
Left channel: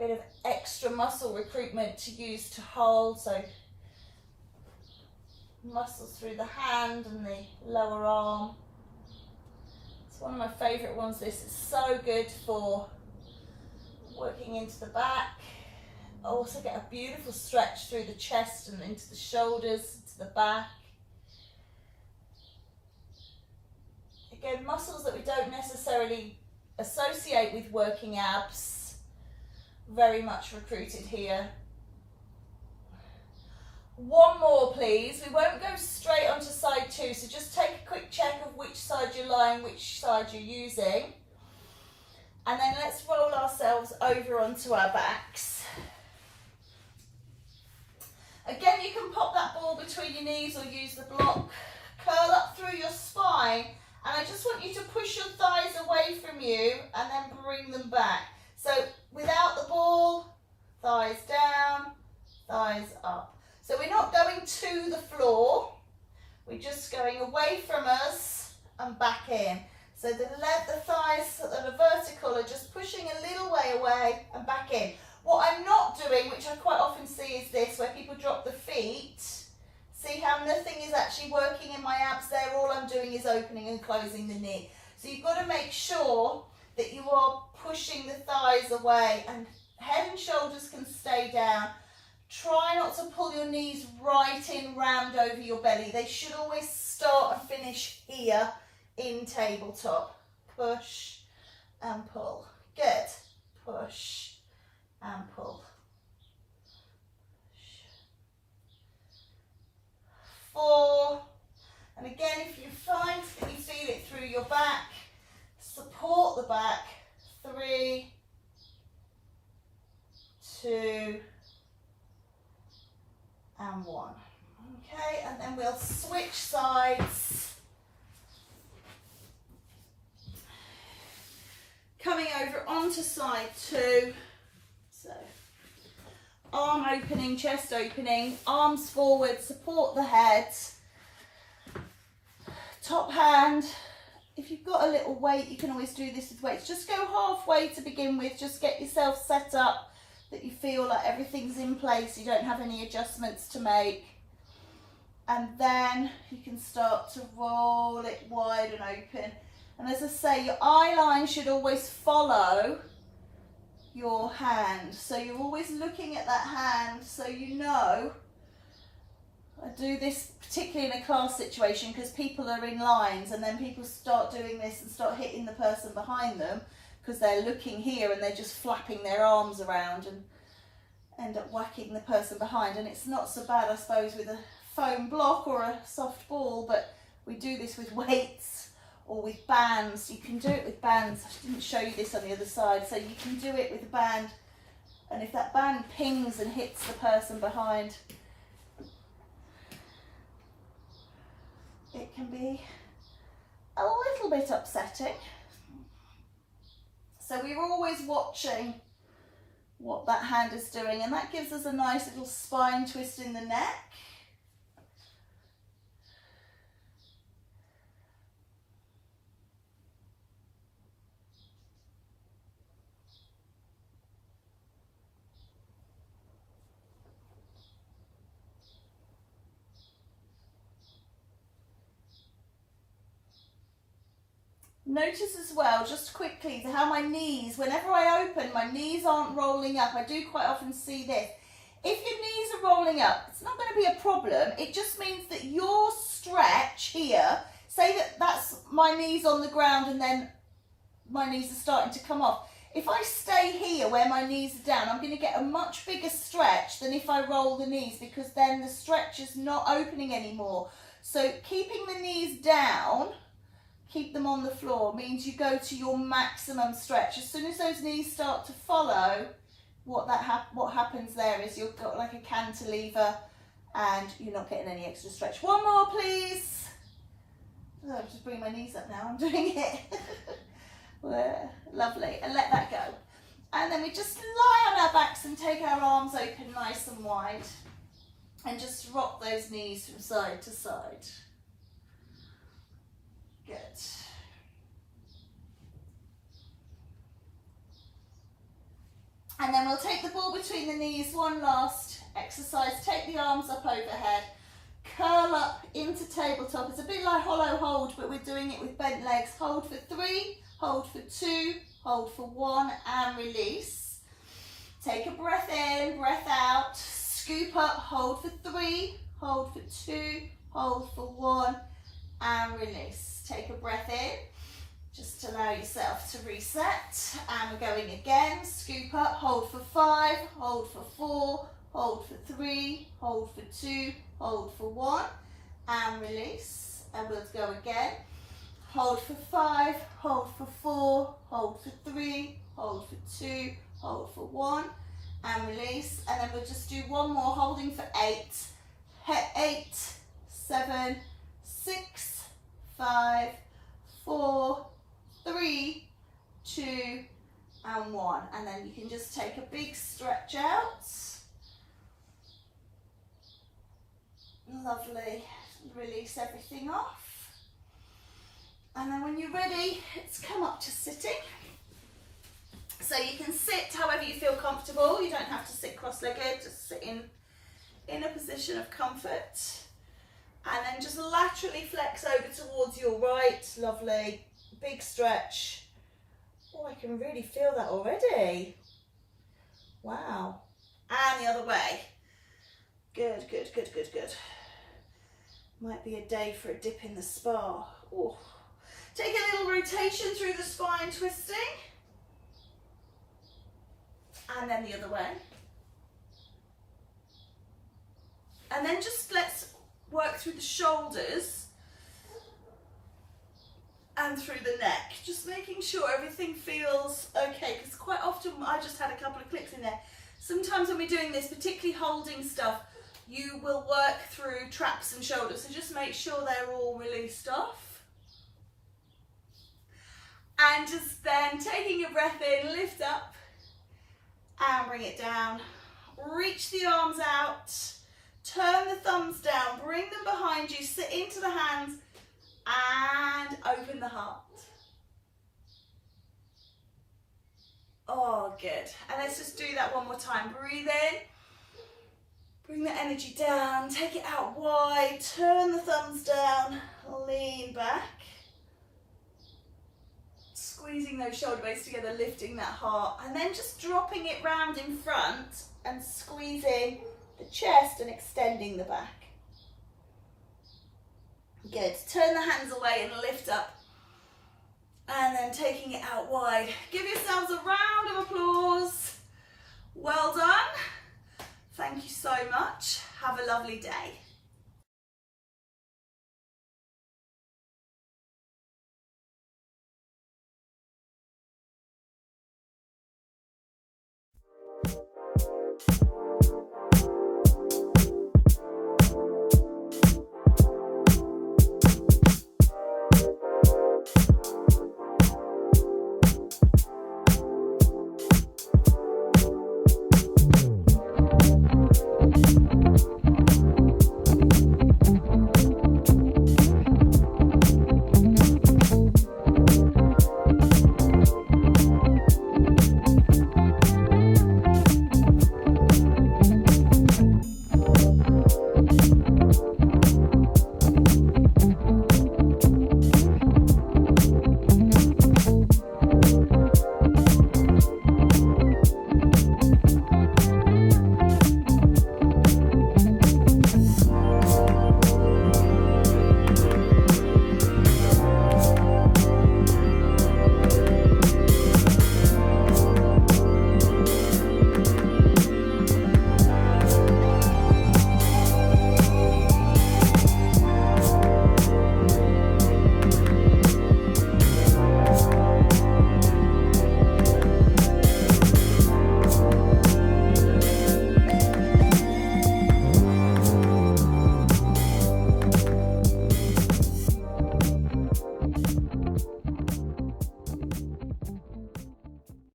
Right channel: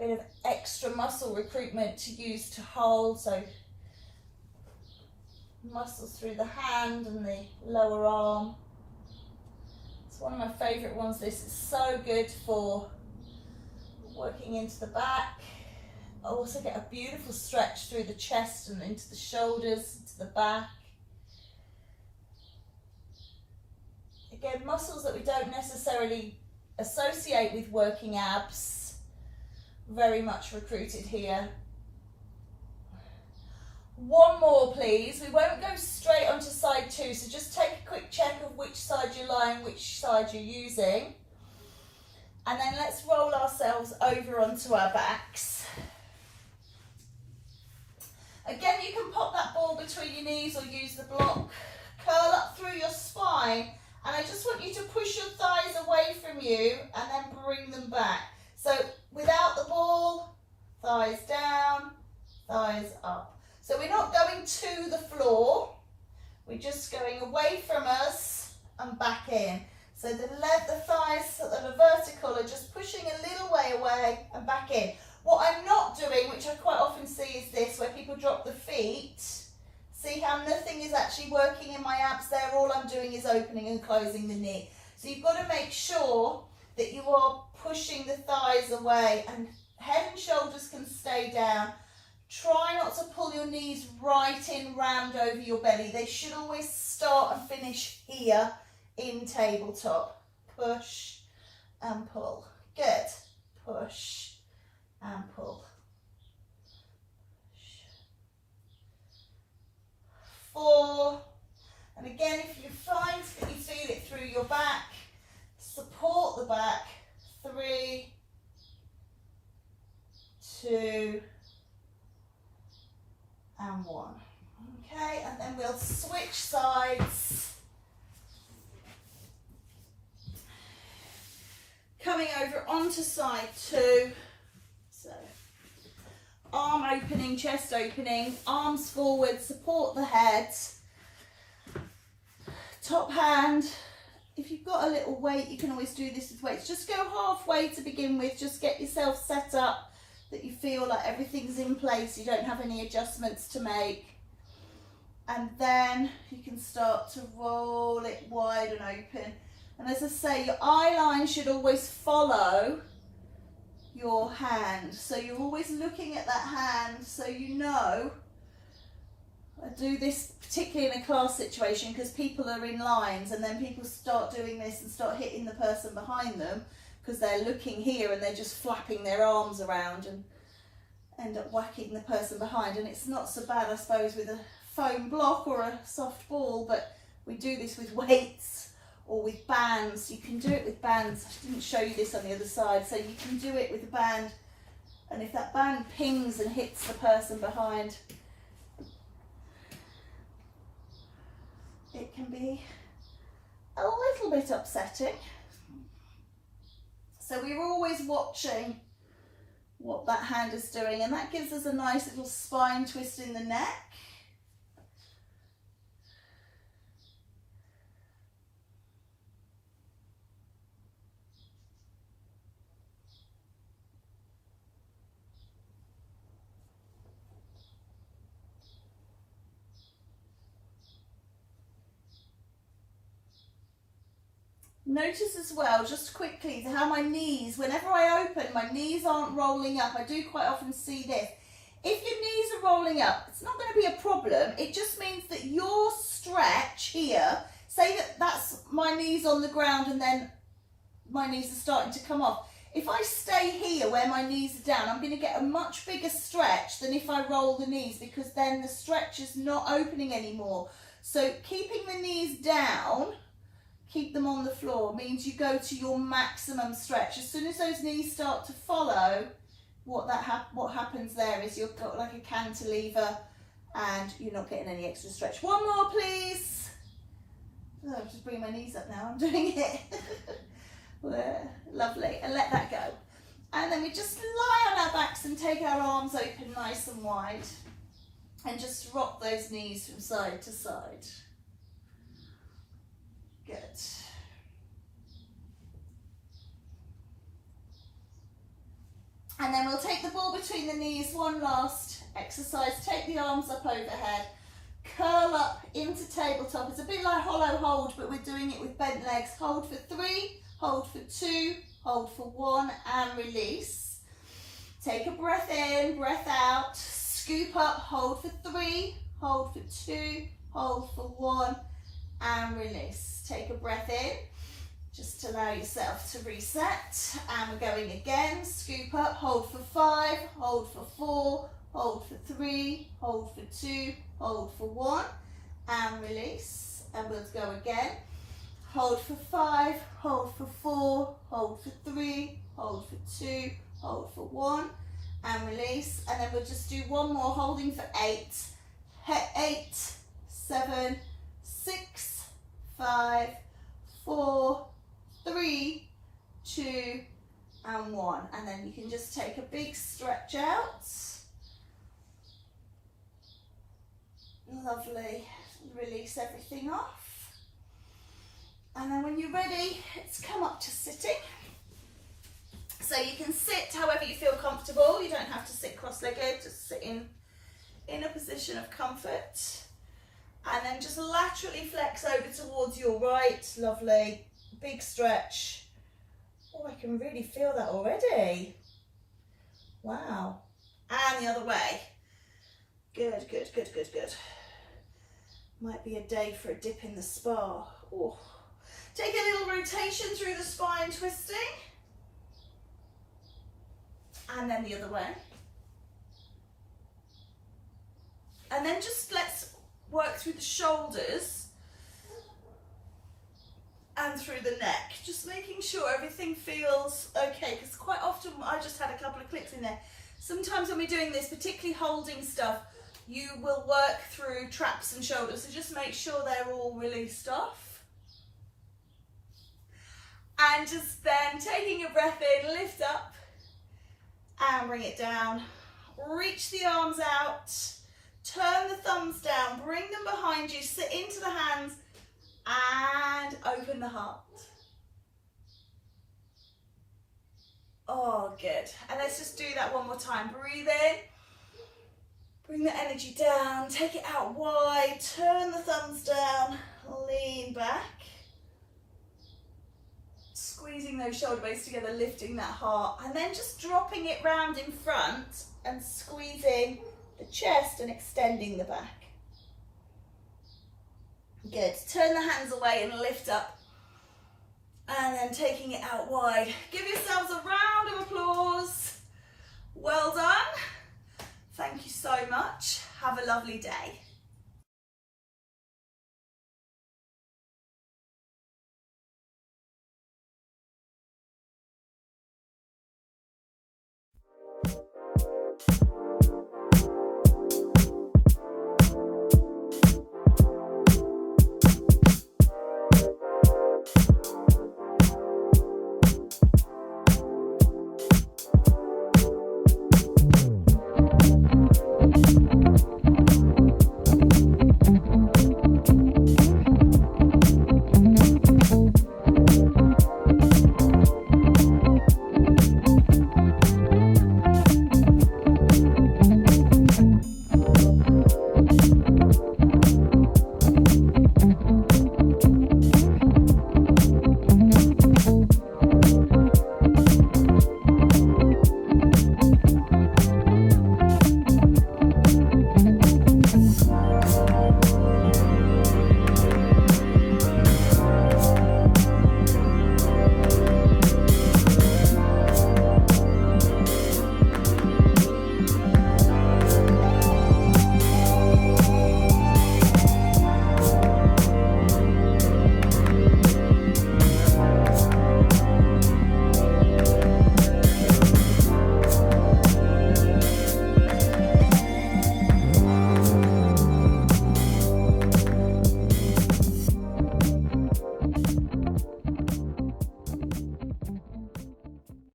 bit of extra muscle recruitment to use to hold, so muscles through the hand and the lower arm. It's one of my favourite ones. This is so good for working into the back. I also get a beautiful stretch through the chest and into the shoulders, into the back. Again, muscles that we don't necessarily associate with working abs, very much recruited here. One more please. We won't go straight onto side 2, so just take a quick check of which side you're lying, which side you're using. And then let's roll ourselves over onto our backs. Again, you can pop that ball between your knees or use the block. Curl up through your spine, and I just want you to push your thighs away from you and then bring them back. So without the ball, thighs down, thighs up. So we're not going to the floor, we're just going away from us and back in. So the thighs that are vertical are just pushing a little way away and back in. What I'm not doing, which I quite often see, is this, where people drop the feet. See how nothing is actually working in my abs there? All I'm doing is opening and closing the knee. So you've got to make sure that you are pushing the thighs away, and head and shoulders can stay down. Try not to pull your knees right in round over your belly. They should always start and finish here in tabletop. Push and pull. Good. Push and pull. 4. And again, if you find that you feel it through your back, support the back. 3, 2, and 1. Okay, and then we'll switch sides. Coming over onto side 2. So, arm opening, chest opening, arms forward, support the head. Top hand. If you've got a little weight, you can always do this with weights. Just go halfway to begin with. Just get yourself set up that you feel like everything's in place. You don't have any adjustments to make. And then you can start to roll it wide and open. And as I say, your eye line should always follow your hand. So you're always looking at that hand so you know. I do this particularly in a class situation because people are in lines, and then people start doing this and start hitting the person behind them because they're looking here and they're just flapping their arms around and end up whacking the person behind. And it's not so bad, I suppose, with a foam block or a soft ball, but we do this with weights or with bands. You can do it with bands. I didn't show you this on the other side, so you can do it with a band, and if that band pings and hits the person behind, it can be a little bit upsetting. So we're always watching what that hand is doing, and that gives us a nice little spine twist in the neck. Notice as well, just quickly, how my knees, whenever I open, my knees aren't rolling up. I do quite often see this. If your knees are rolling up, it's not going to be a problem. It just means that your stretch here, say that that's my knees on the ground and then my knees are starting to come off. If I stay here where my knees are down, I'm going to get a much bigger stretch than if I roll the knees, because then the stretch is not opening anymore. So keeping the knees down, keep them on the floor, means you go to your maximum stretch. As soon as those knees start to follow, what happens there is you've got like a cantilever and you're not getting any extra stretch. One more, please. Oh, I'm just bringing my knees up now, I'm doing it. Lovely, and let that go. And then we just lie on our backs and take our arms open nice and wide and just rock those knees from side to side. Good. And then we'll take the ball between the knees, one last exercise. Take the arms up overhead, curl up into tabletop. It's a bit like hollow hold, but we're doing it with bent legs. Hold for 3, hold for 2, hold for 1, and release. Take a breath in, breath out, scoop up, hold for 3, hold for 2, hold for 1, and release. Take a breath in, just allow yourself to reset, and we're going again. Scoop up, hold for 5, hold for 4, hold for 3, hold for 2, hold for 1, and release. And we'll go again. Hold for 5, hold for 4, hold for 3, hold for 2, hold for 1, and release. And then we'll just do one more, holding for 8, 8, 7, 6, 5, 4, 3, 2, and 1. And then you can just take a big stretch out. Lovely. Release everything off. And then when you're ready, it's come up to sitting. So you can sit however you feel comfortable. You don't have to sit cross-legged, just sit in a position of comfort. And then just laterally flex over towards your right. Lovely. Big stretch. Oh, I can really feel that already. Wow. And the other way. Good, good, good, good, good. Might be a day for a dip in the spa. Oh. Take a little rotation through the spine, twisting. And then the other way. And then just let's work through the shoulders and through the neck. Just making sure everything feels okay, because quite often, I just had a couple of clicks in there. Sometimes when we're doing this, particularly holding stuff, you will work through traps and shoulders. So just make sure they're all released off. And just then taking a breath in, lift up and bring it down. Reach the arms out, turn the thumbs down, bring them behind you, sit into the hands and open the heart. Oh, good. And let's just do that one more time. Breathe in, bring the energy down, take it out wide, turn the thumbs down, lean back. Squeezing those shoulder blades together, lifting that heart, and then just dropping it round in front and squeezing the chest and extending the back. Good. Turn the hands away and lift up, and then taking it out wide. Give yourselves a round of applause. Well done. Thank you so much. Have a lovely day.